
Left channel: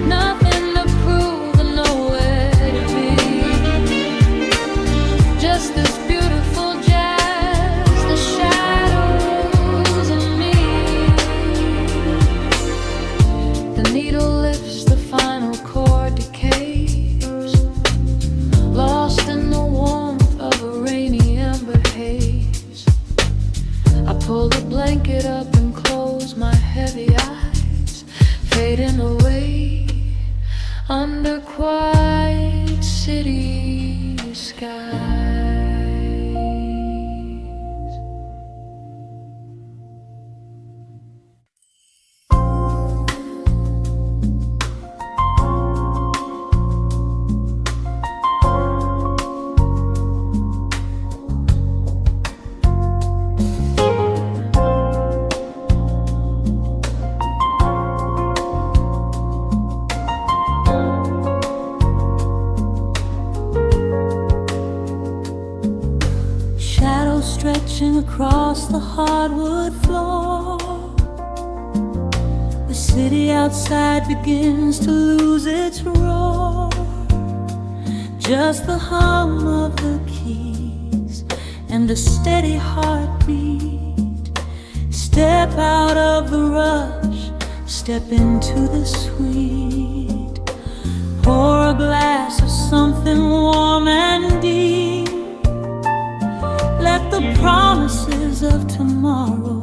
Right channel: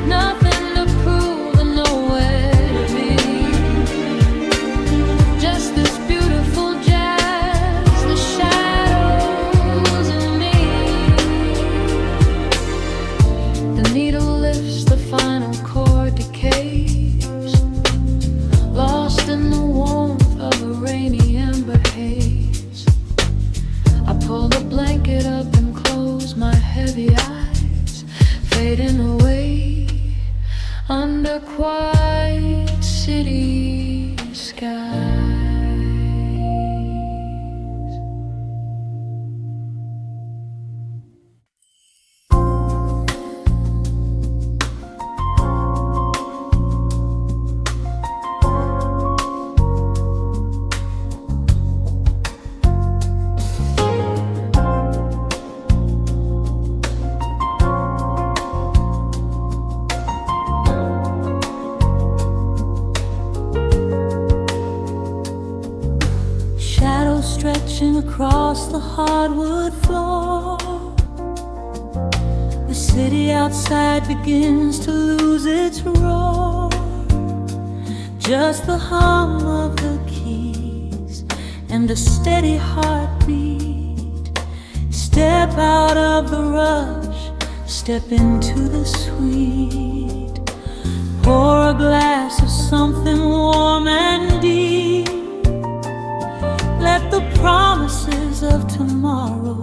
Nothing to prove and nowhere to be, just this beautiful jazz, the shadows and me. The needle lifts, the final chord decays, lost in the warmth of a rainy amber haze. I pull the blanket up and close my heavy eyes, fading away under quiet city skies. Stretching across the hardwood floor, the city outside begins to lose its roar. Just the hum of the keys and a steady heartbeat. Step out of the rush, step into the sweet. Pour a glass of something warm and deep. Let the promises of tomorrow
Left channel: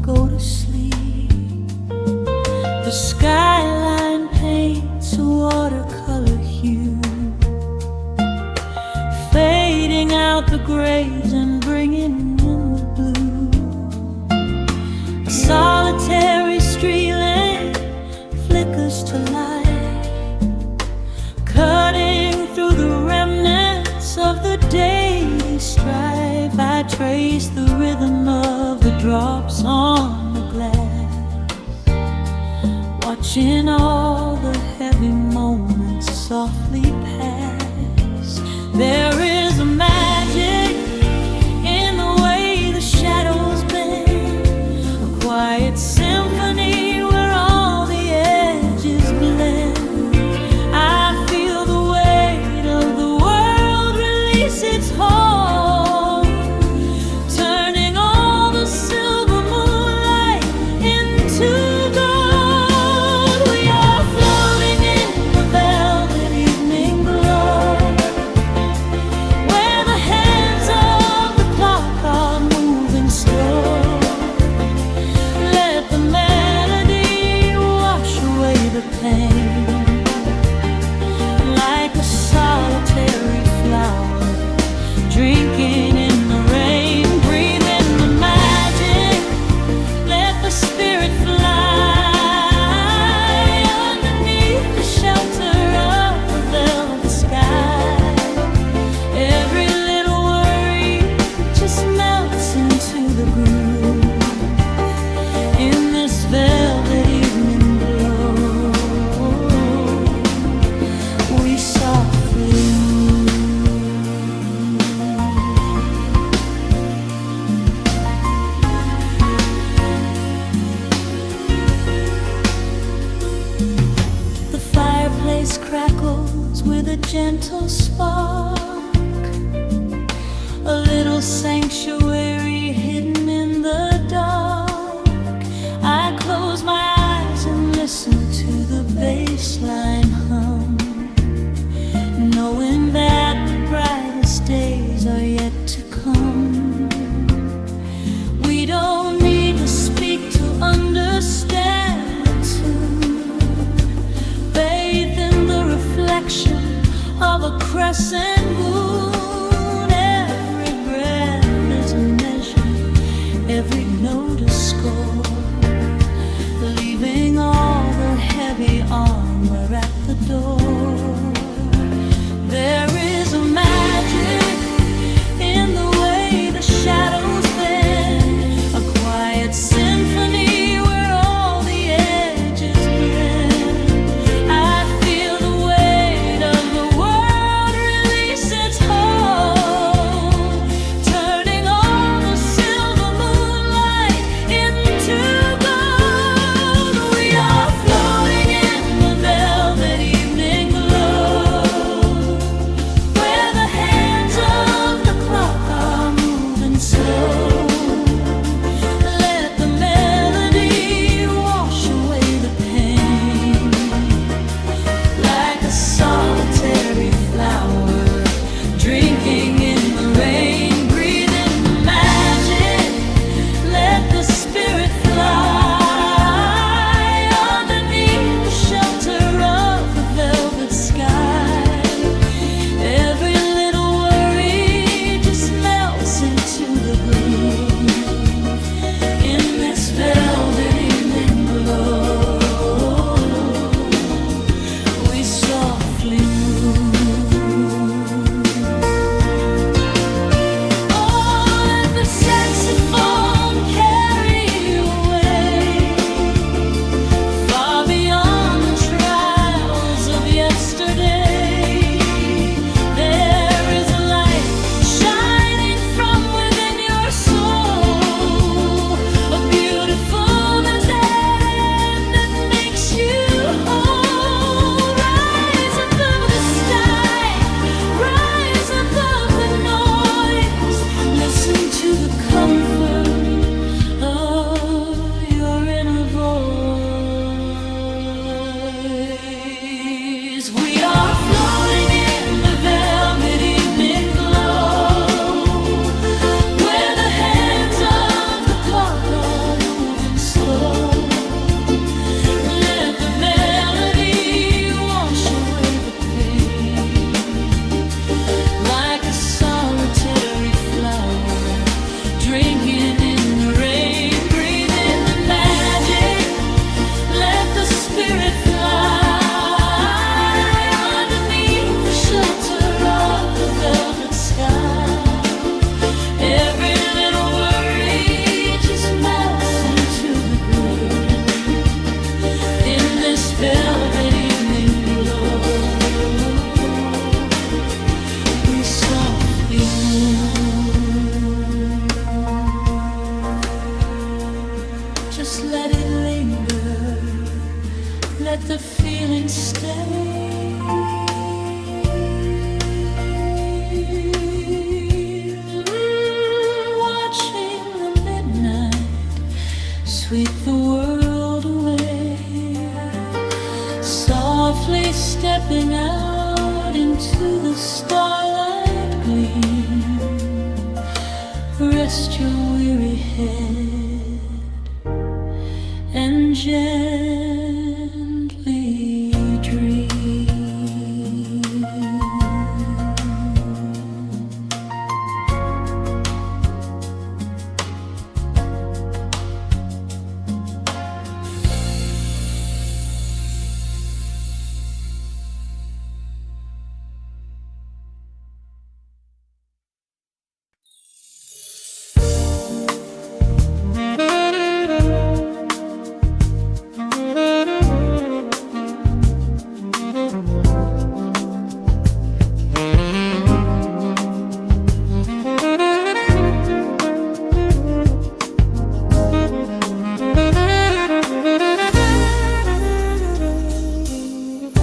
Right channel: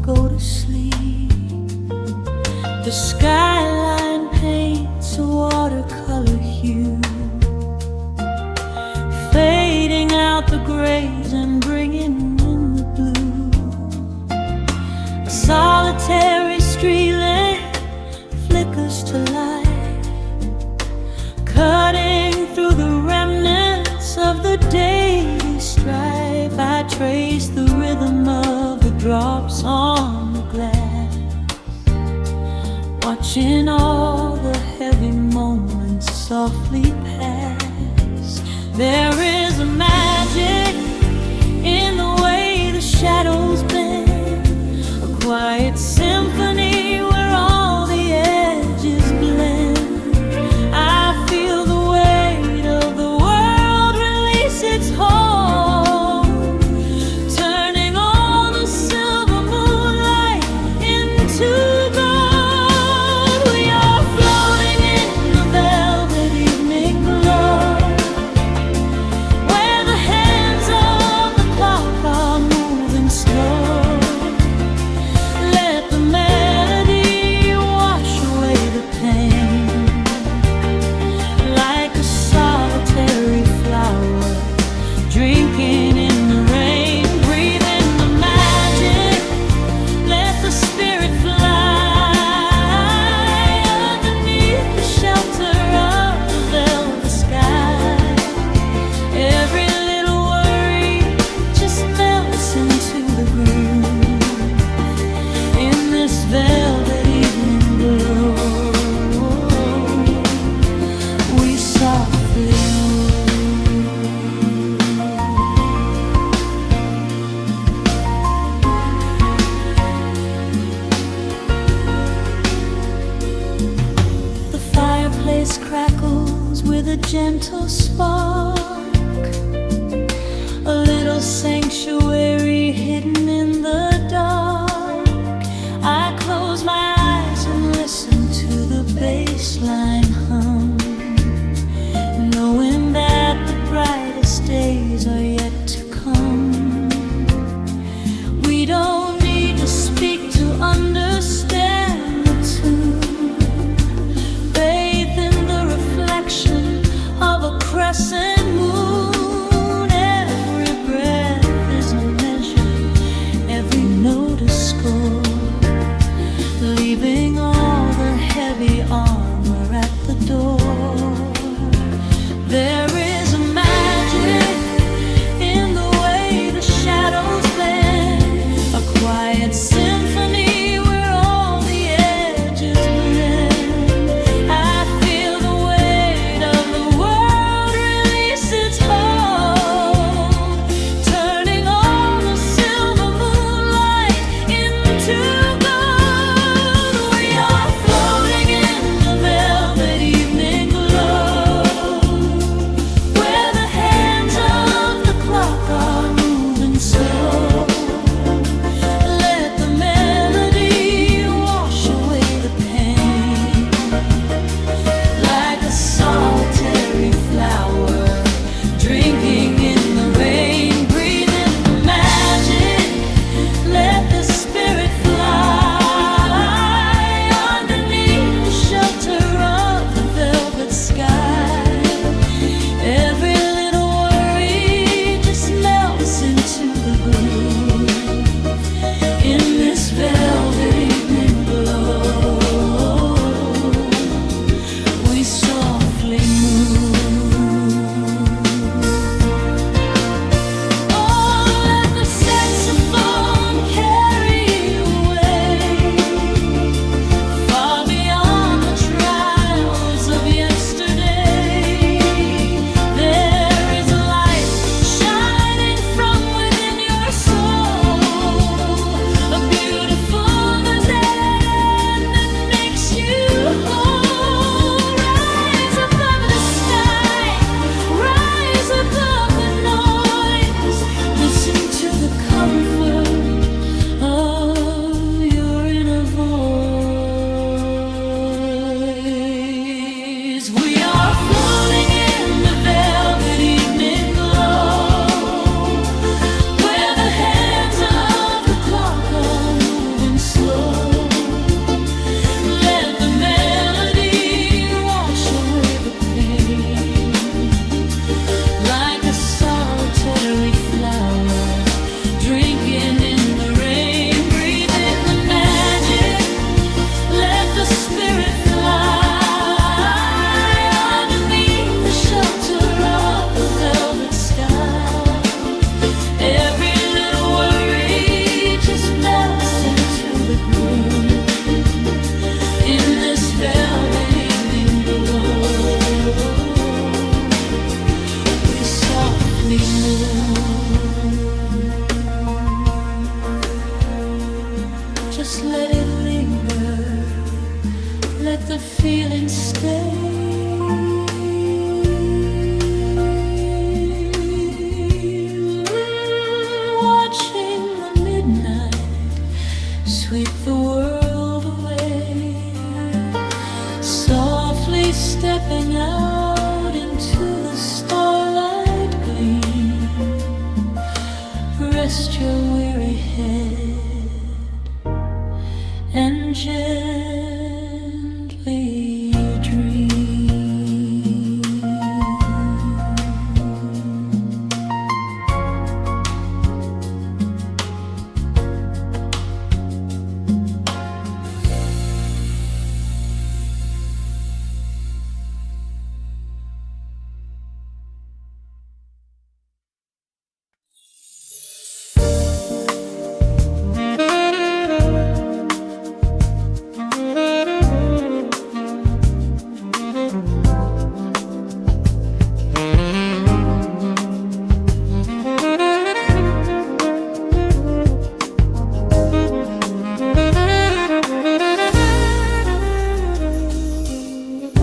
go to sleep. The skyline paints a watercolor hue, fading out the grays and bringing in the blue. A solitary street lamp flickers to light, cutting through the remnants of the daily strife. I trace the rhythm of the drops on the glass, watching all the heavy moments softly pass. There is a magic in the way the shadows bend, a quiet symphony where all the edges blend. I feel the weight of the world release its hold, turning all the silver moonlight into gold. We are floating in the velvet evening glow, where the hands of the clock are moving slow. Let the melody wash away the pain, like a solitary flower drinking in the rain. Breathe in the magic, let the spirit fly underneath the shelter of the velvet sky. Every little worry just melts into the groove in this velvet evening glow. We softly move. The fireplace crackles with a gentle spark, a little sanctuary hidden in the dark. I close my eyes and listen to the bassline hum, knowing that the days are yet to come. We don't need to speak to understand the tune. Bathe in the reflection of a crescent moon. Every breath is a measure, every note a score, leaving all the heavy armor at the door. There is a magic in the way the shadows bend, a quiet symphony where all the edges blend. I feel the weight of the world release its hold, turning all the silver moonlight into gold. We are floating in the velvet evening glow, where the hands of the clock are moving slow. Let the melody wash away the pain, like a solitary flower drinking in the rain. Breathe in the magic, let the spirit fly underneath the shelter of the velvet sky. Every little worry just melts into the groove in this velvet evening glow. We softly move. Oh, let the saxophone carry you away, far beyond the trials of yesterday. There is a light shining from within your soul, a beautiful vision that makes you whole. Rise above the sky, rise above the noise. Listen to the comfort of your inner voice. We are floating in the velvet evening glow, where the hands of the clock are moving slow. Let the melody wash away the pain, like a solitary flower drinking in the rain. Breathe in the magic, let the spirit fly underneath the shelter of the velvet sky. Every little worry just melts into the groove in this velvet evening glow. We softly move. Just let it linger, let the feeling stay. Watching the midnight sweep the world away, softly stepping out into the starlight gleam. Rest your weary head and gently dream.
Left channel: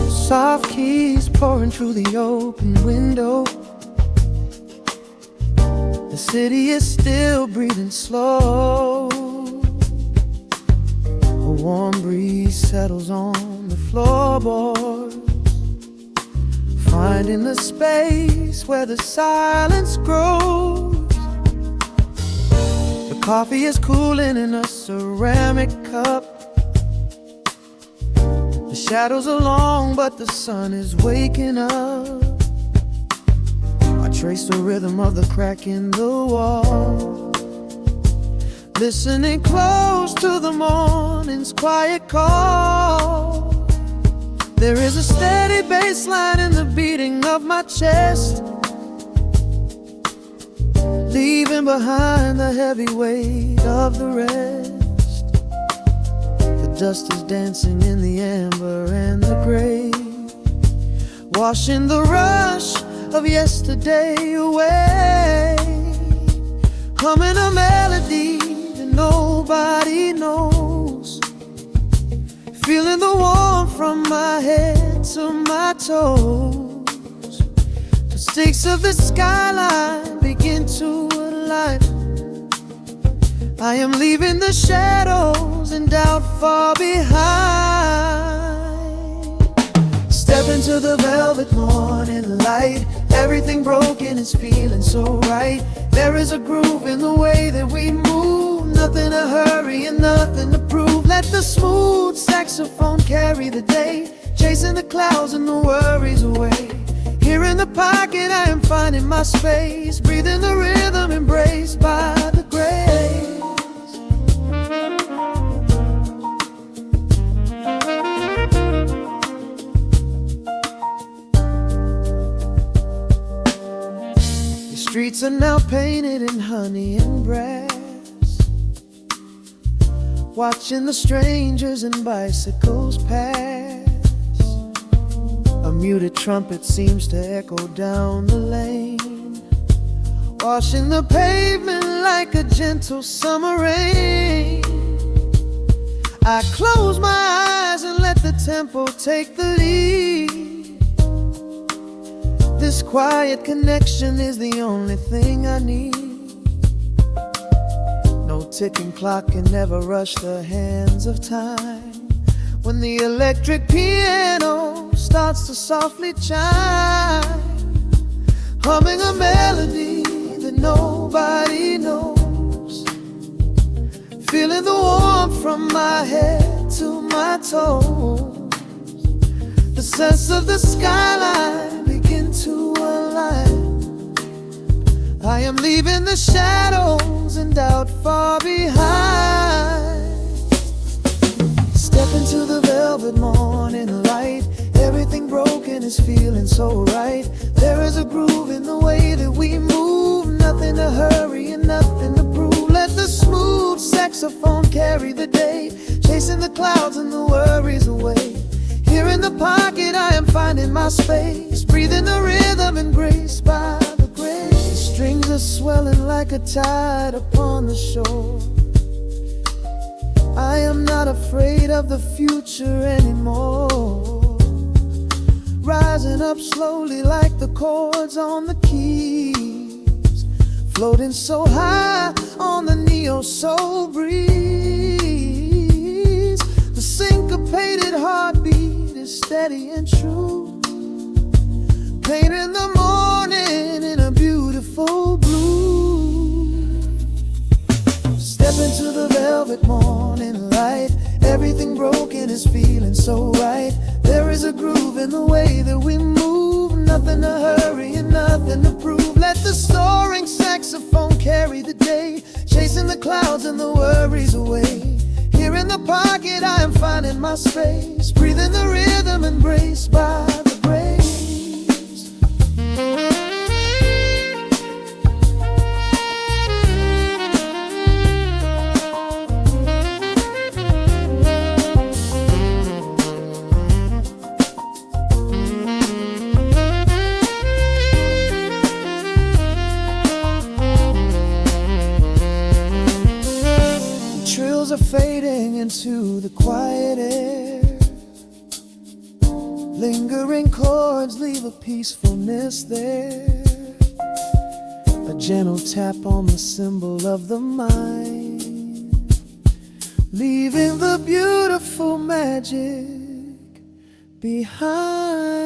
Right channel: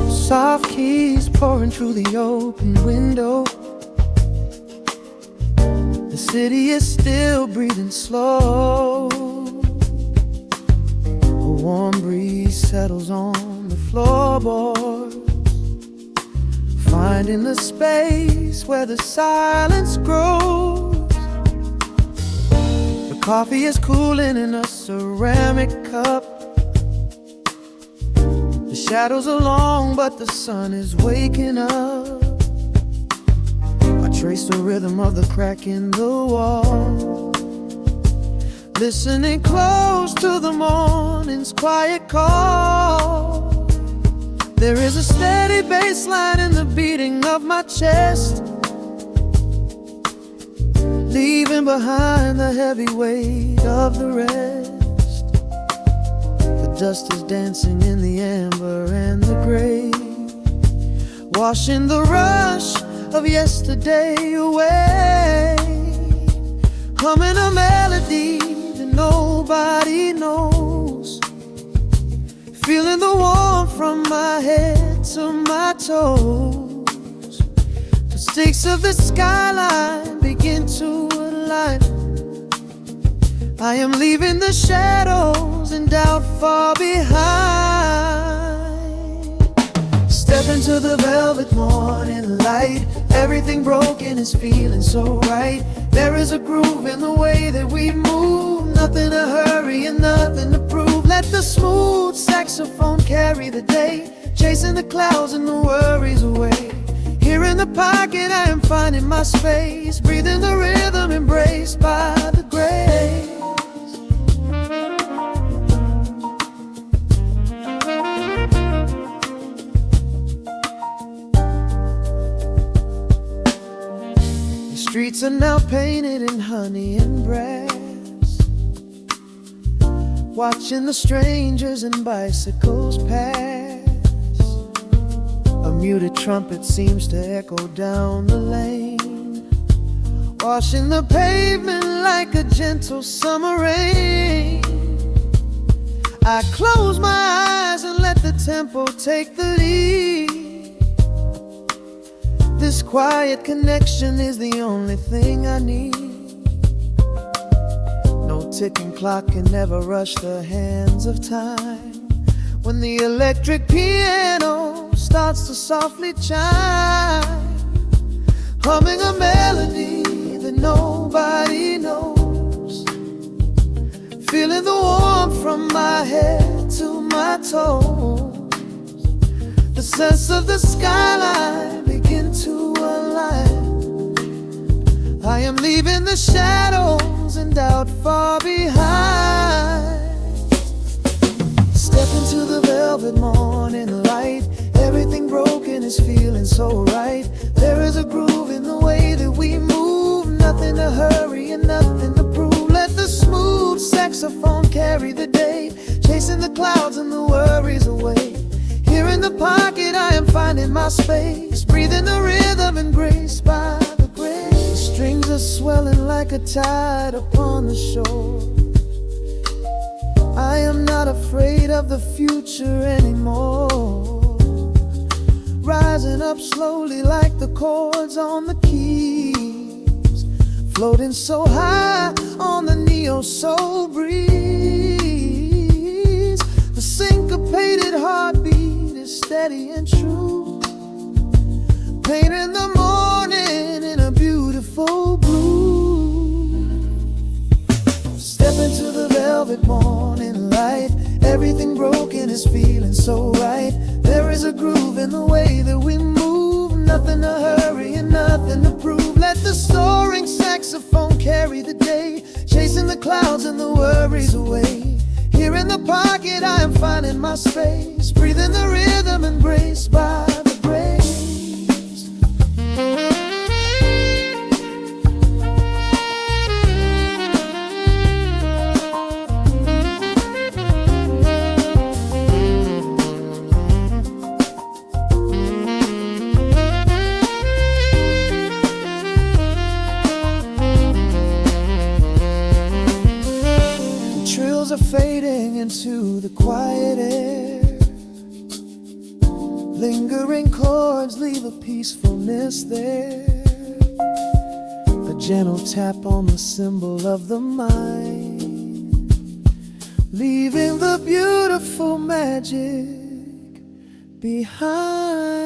Soft keys pouring through the open window. The city is still breathing slow. A warm breeze settles on the floorboards, finding the space place where the silence grows. The coffee is cooling in a ceramic cup. The shadows are long, but the sun is waking up. I trace the rhythm of the crack in the wall, listening close to the morning's quiet call. There is a steady bassline in the beating of my chest, leaving behind the heavy weight of the rest. The dust is dancing in the amber and the gray, washing the rush of yesterday away. Humming a melody that nobody knows, feeling the warmth from my head to my toes. The stakes of the skyline begin to align. I am leaving the shadows and doubt far behind. Step into the velvet morning light. Everything broken is feeling so right. There is a groove in the way that we move. Nothing to hurry and nothing to prove. Let the smooth saxophone carry the day, chasing the clouds and the worries away. Here in the pocket I am finding my space, breathing the rhythm embraced by the grace. The streets are now painted in honey and brass, watching the strangers and bicycles pass. A muted trumpet seems to echo down the lane, washing the pavement like a gentle summer rain. I close my eyes and let the tempo take the lead. This quiet connection is the only thing I need. No ticking clock can never rush the hands of time. When the electric piano starts to softly chime, humming a melody that nobody knows, feeling the warmth from my head to my toes. The sense of the skyline begin to align. I am leaving the shadows and doubt far behind. Step into the velvet morning light. Everything broken is feeling so right. There is a groove in the way that we move. Nothing to hurry and nothing to prove. Let the smooth saxophone carry the day, chasing the clouds and the worries away. Here in the pocket I am finding my space, breathing the rhythm and grace by the grace. The strings are swelling like a tide upon the shore. I am not afraid of the future anymore, rising up slowly like the chords on the keys, floating so high on the neo-soul breeze. The syncopated heartbeat is steady and true, painting the morning in a beautiful blue. Step into the velvet morning light. Everything broken is feeling so right. There is a groove in the way that we move. Nothing to hurry and nothing to prove. Let the soaring saxophone carry the day, chasing the clouds and the worries away. Here in the pocket I am finding my space, breathing the rhythm embraced by the grace. Trills are fading into the quiet air. Lingering chords leave a peacefulness there. A gentle tap on the cymbal of the mind, leaving the beautiful magic behind.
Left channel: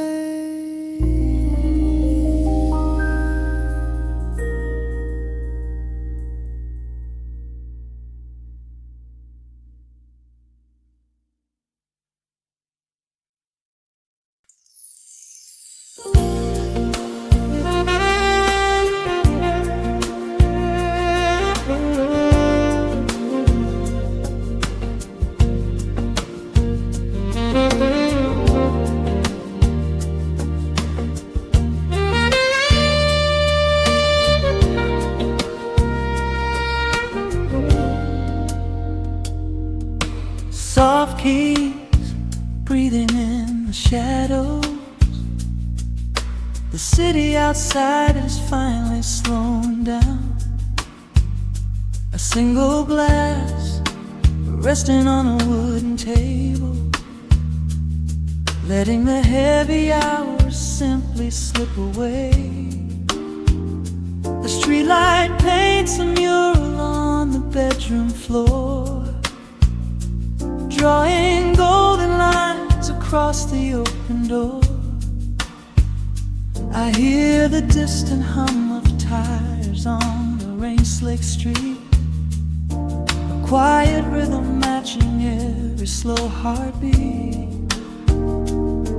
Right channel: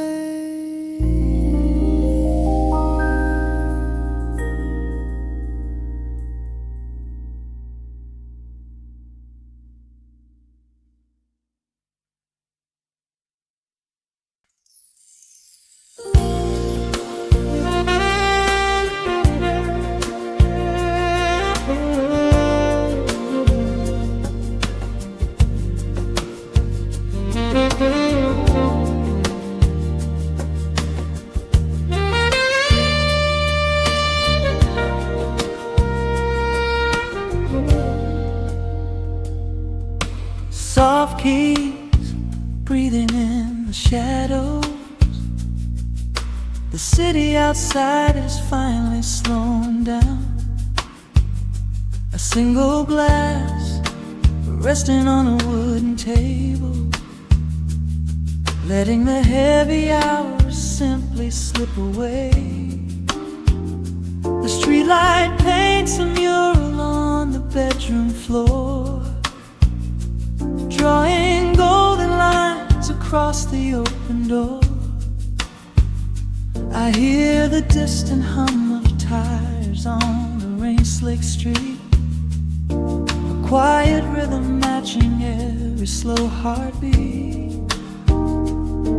peace, breathing in the shadows. The city outside is finally slowing down. A single glass resting on a wooden table, letting the heavy hours simply slip away. The streetlight paints a mural on the bedroom floor, drawing golden lines across the open door. I hear the distant hum of tires on the rain-slicked street, a quiet rhythm matching every slow heartbeat.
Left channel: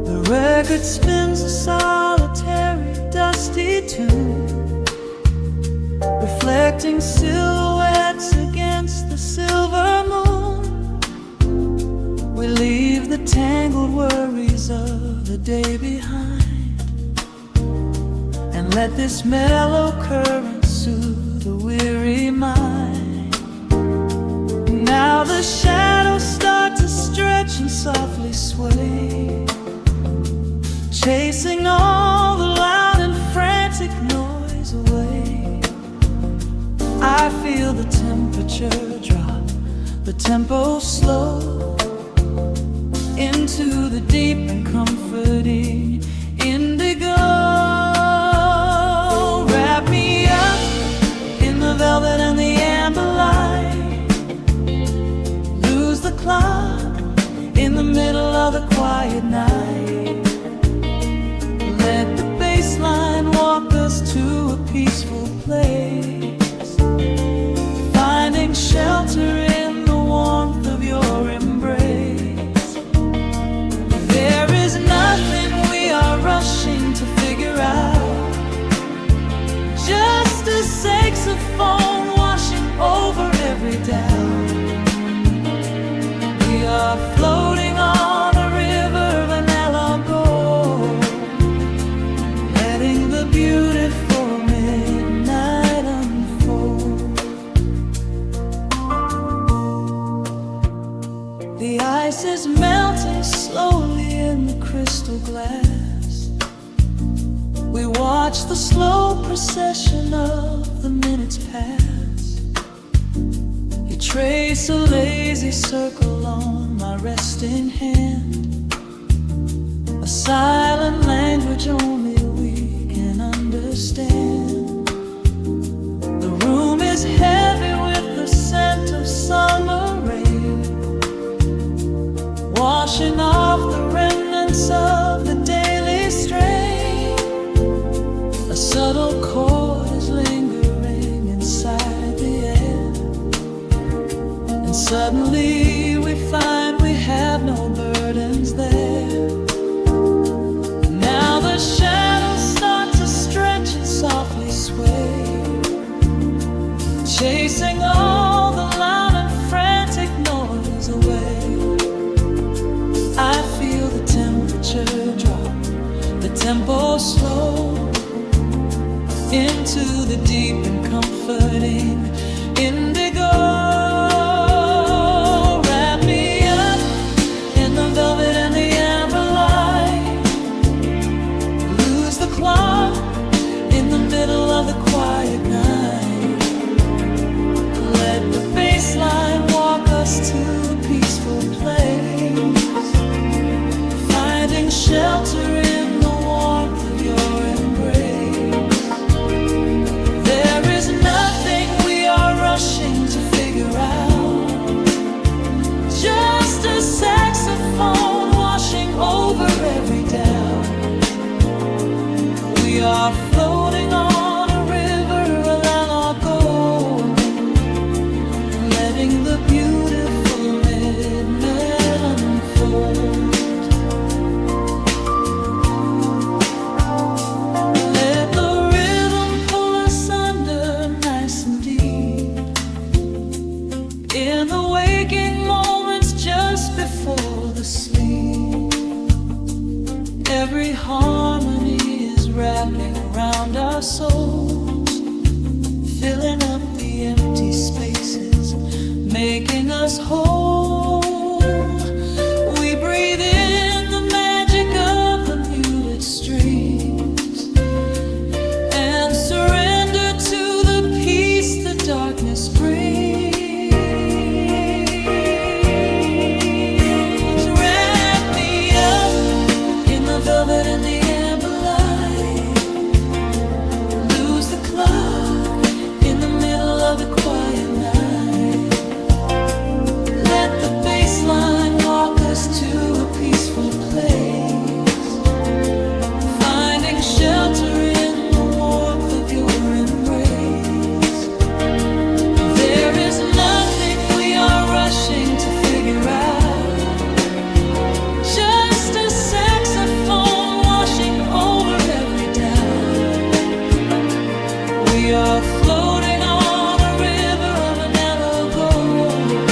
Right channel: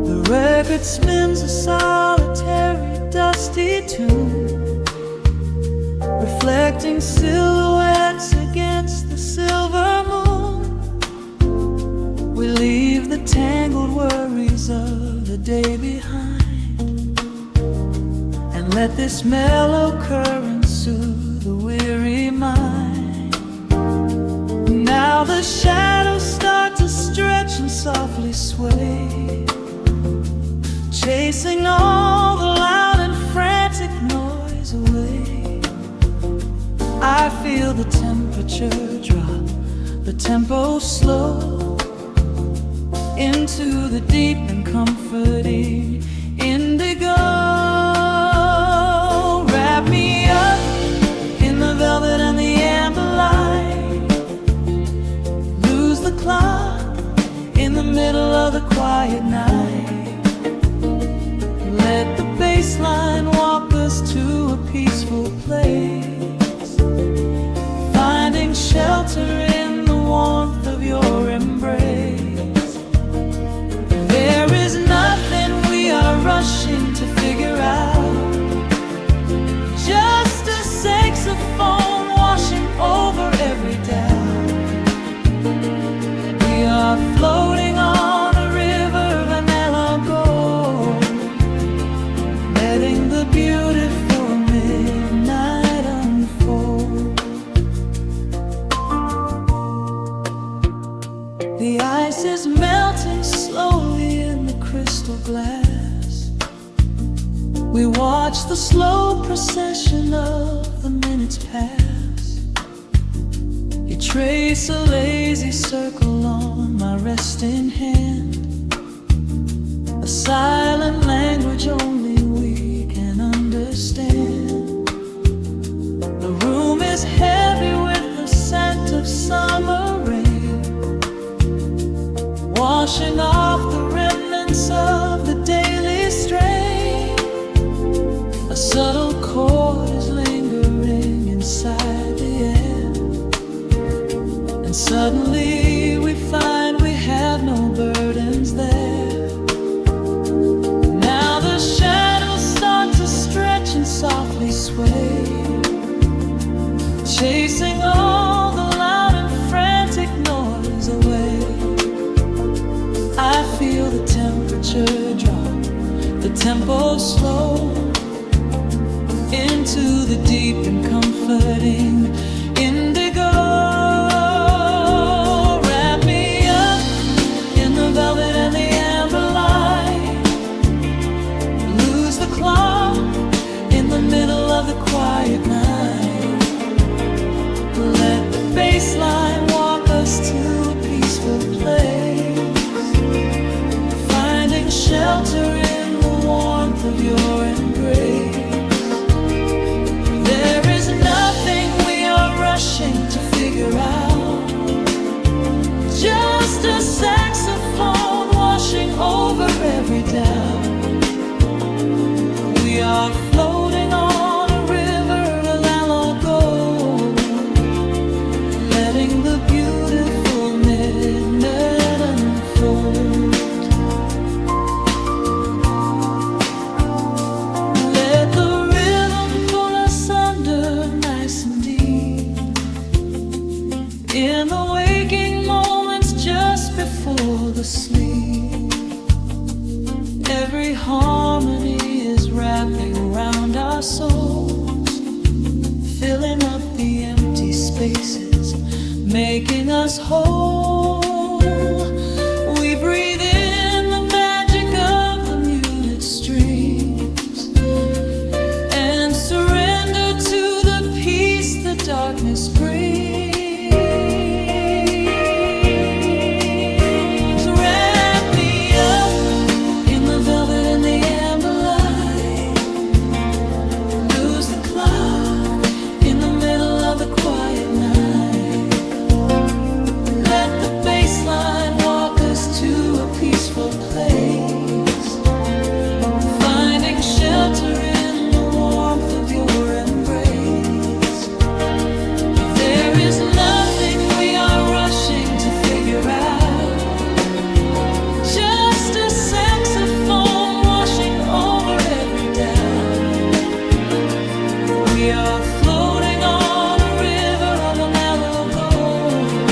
The record spins a solitary, dusty tune, reflecting silhouettes against the silver moon. We leave the tangled worries of the day behind, and let this mellow current soothe the weary mind. Now the shadows start to stretch and softly sway, chasing all the loud and frantic noise away. I feel the temperature drop, the tempo slow, into the deep and comforting indigo. Wrap me up in the velvet and the amber light, lose the clock in the middle of the quiet night. Let the bassline walk us to a peaceful place, finding shelter in the warmth of your embrace. There is nothing we are rushing to figure out, just a saxophone washing over every doubt. We are floating on a river vanilla gold, letting the beautiful midnight unfold. The ice is melting slowly in the crystal glass. We watch the slow procession of the minutes pass. You trace a lazy circle on my resting hand, a silent language only we can understand. The room is heavy with the scent of summer rain, washing off the remnants of the daily strain. A subtle chord is lingering inside the air, and suddenly we find we have no burdens there. Now the shadows start to stretch and softly sway, chasing all the loud and frantic noise away. I feel the temperature drop, the tempo slow, into the deep and comforting indigo. Wrap me up in the velvet and the amber light, lose the clock in the middle of the quiet night. Let the bassline walk us to a peaceful place, finding shelter in the warmth of your embrace. There is nothing we are rushing to figure out, just a saxophone washing over every doubt. We are floating on a river, a landlocked gold, letting the beautiful midnight unfold. Let the rhythm pull us under nice and deep, in the waking moments just before the sleep. Every harmony is wrapping around our souls, filling up the empty spaces, making us whole. We breathe in the magic of the muted strings and surrender to the peace the darkness brings. Wrap me up in the velvet and the amber light. Lose the clock in the middle of the quiet night. Let the bassline walk us to a peaceful place, finding shelter in the warmth of your embrace. There is nothing we are rushing to figure out, just a saxophone washing over every doubt. We are floating on a river of a mellow gold,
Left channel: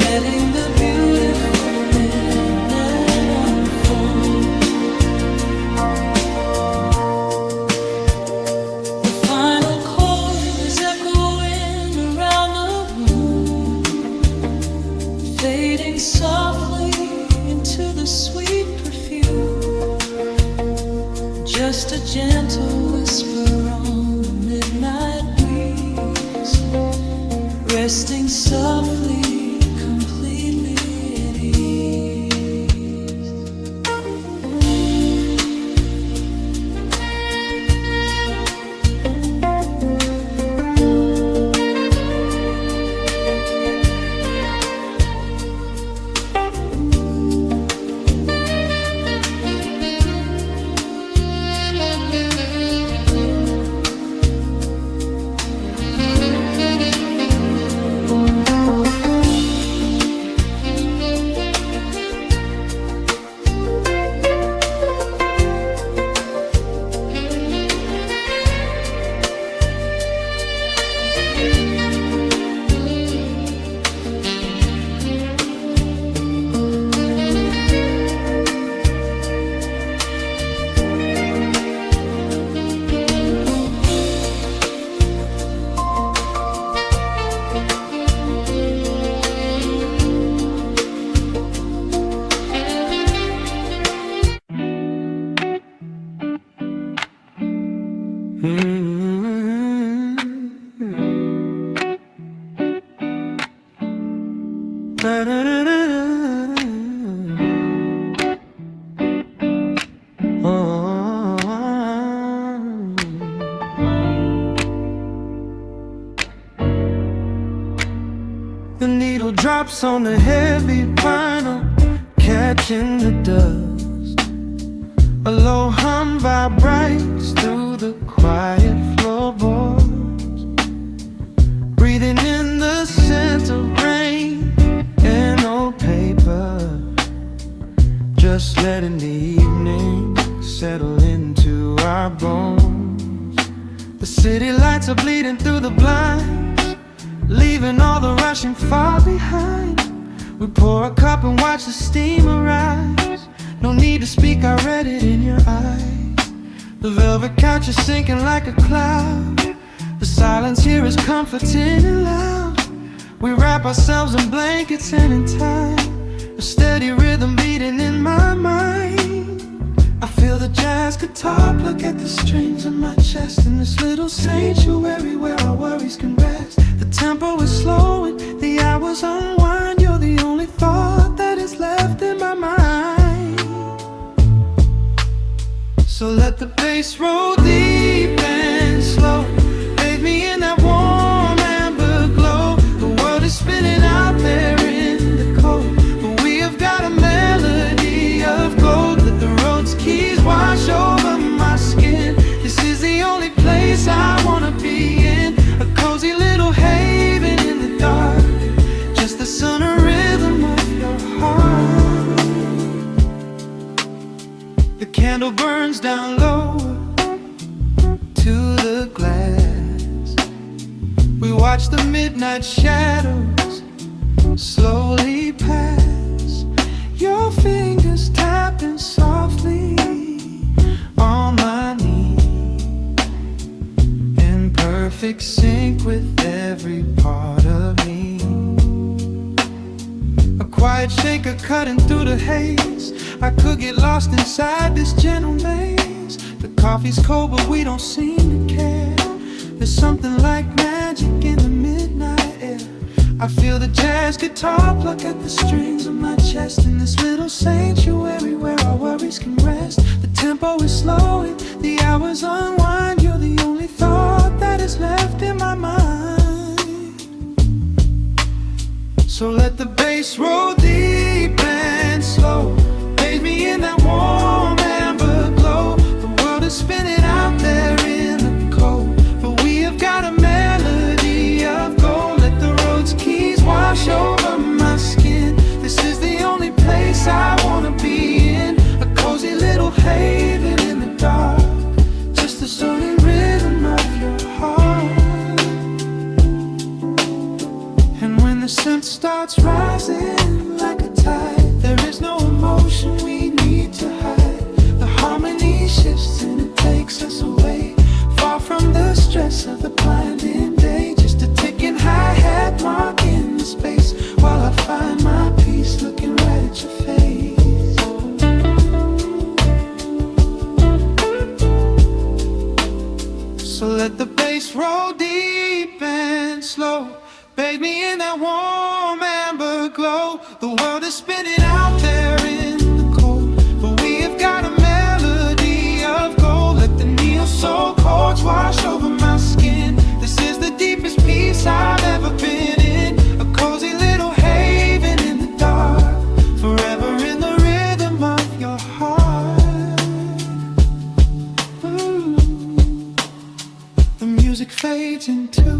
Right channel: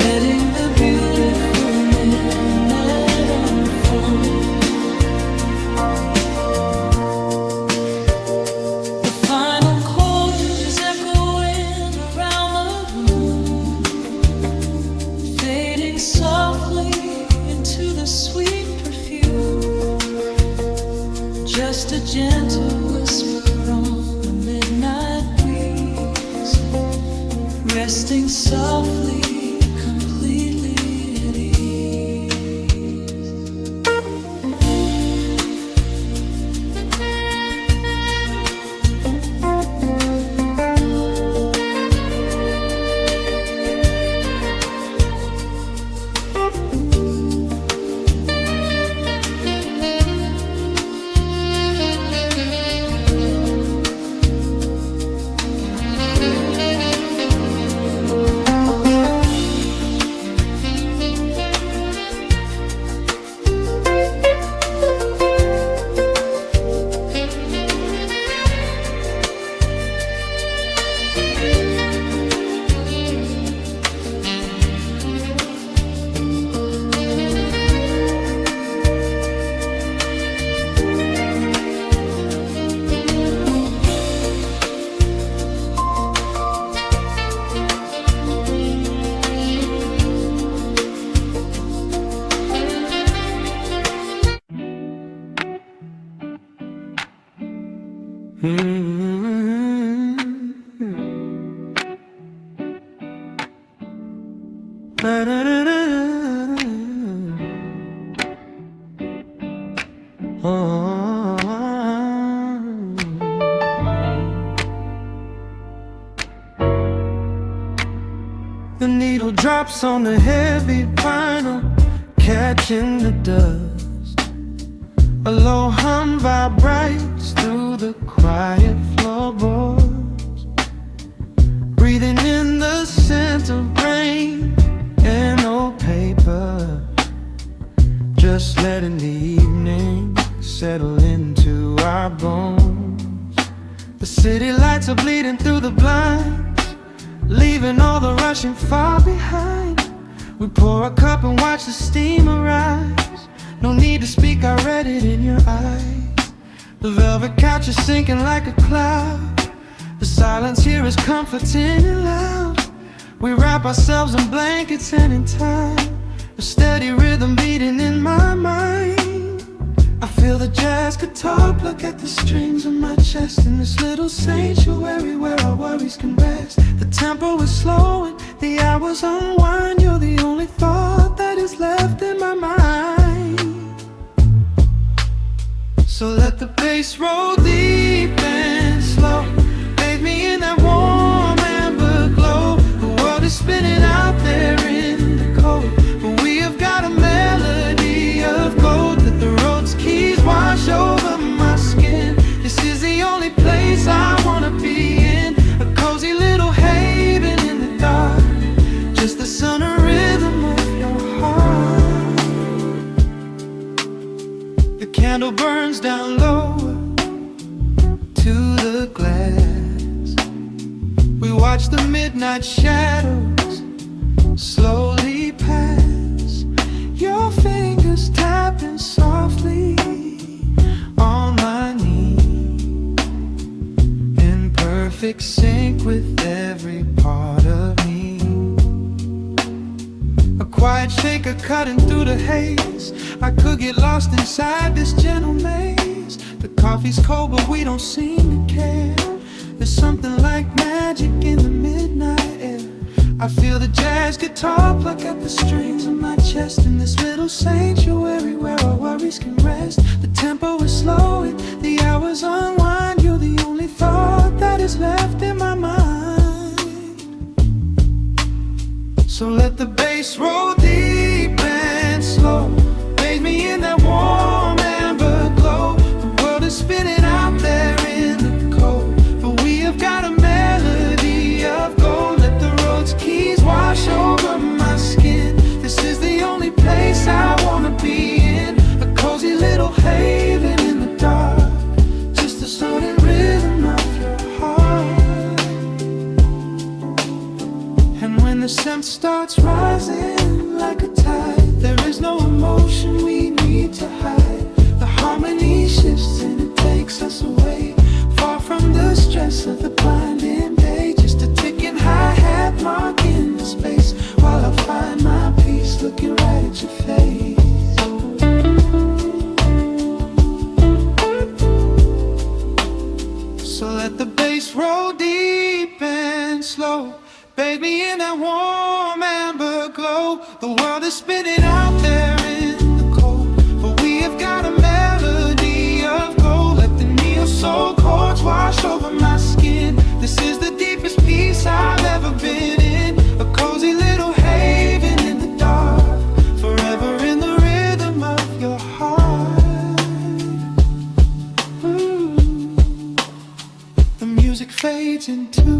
letting the beautiful midnight unfold. The final chord is echoing around the room, fading softly into the sweet perfume. Just a gentle whisper on the midnight breeze, resting softly, completely at ease. The needle drops on the heavy vinyl, catching the dust. A low hum vibrates through the quiet floorboards, breathing in the scent of rain and old paper, just letting the evening settle into our bones. The city lights are bleeding through the blinds, leaving all the rushing far behind. We pour a cup and watch the steam arise. No need to speak, I read it in your eyes. The velvet couch is sinking like a cloud. The silence here is comforting and loud. We wrap ourselves in blankets and in time, a steady rhythm beating in my mind. I feel the jazz guitar pluck at the strings of my chest, in this little sanctuary where our worries can rest. The tempo is slowing, the hours unwind. You're the only thought that is left in my mind. So let the bass roll deep and slow, bathe me in that warm amber glow. The world is spinning out there in the cold, but we have got a melody of gold. Let the road's keys wash over my skin. This is the only place I wanna be in, a cozy little haven in the dark, just the sun and rhythm of your heart. The candle burns down lower to the glass. We watch the midnight shadows slowly pass, your fingers tapping softly on my knee, in perfect sync with every part of me. quiet shaker cutting through the haze. I could get lost inside this gentle maze. The coffee's cold but we don't seem to care. There's something like magic in the midnight air. I feel the jazz guitar pluck at the strings of my chest. In this little sanctuary where our worries can rest. The tempo is slowing, the hours unwind. You're the only thought that is left in my mind. So let the bass roll deep and slow. Bathe me in that warm amber glow. The world is spinning out there in the cold, but we have got a melody of gold. Let the road's keys wash over my skin. This is the only place I wanna be in. A cozy little haven in the dark. Just the sound and rhythm of your heart. And when the scent starts rising like a tide, there is no emotion we need to hide. The harmony shifts and it takes us away, far from the stress of the blinding day. Just a ticking hi-hat marking the space, while I find my peace looking right at your face. So let the bass roll deep and slow. Bathe me in that warm amber glow. The world is spinning out there in the cold, but we have got a melody of gold. Let the neo soul chords wash over my skin. This is the deepest peace I've ever been in. A cozy little haven in the dark, forever in the rhythm of your heart. Ooh. The music fades into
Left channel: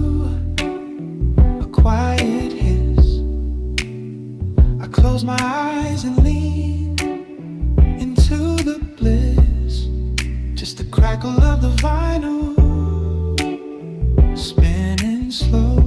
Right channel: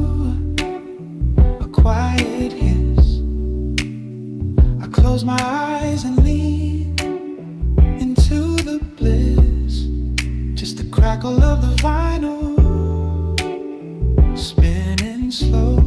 a quiet hiss. I close my eyes and lean into the bliss. Just the crackle of the vinyl spinning slow.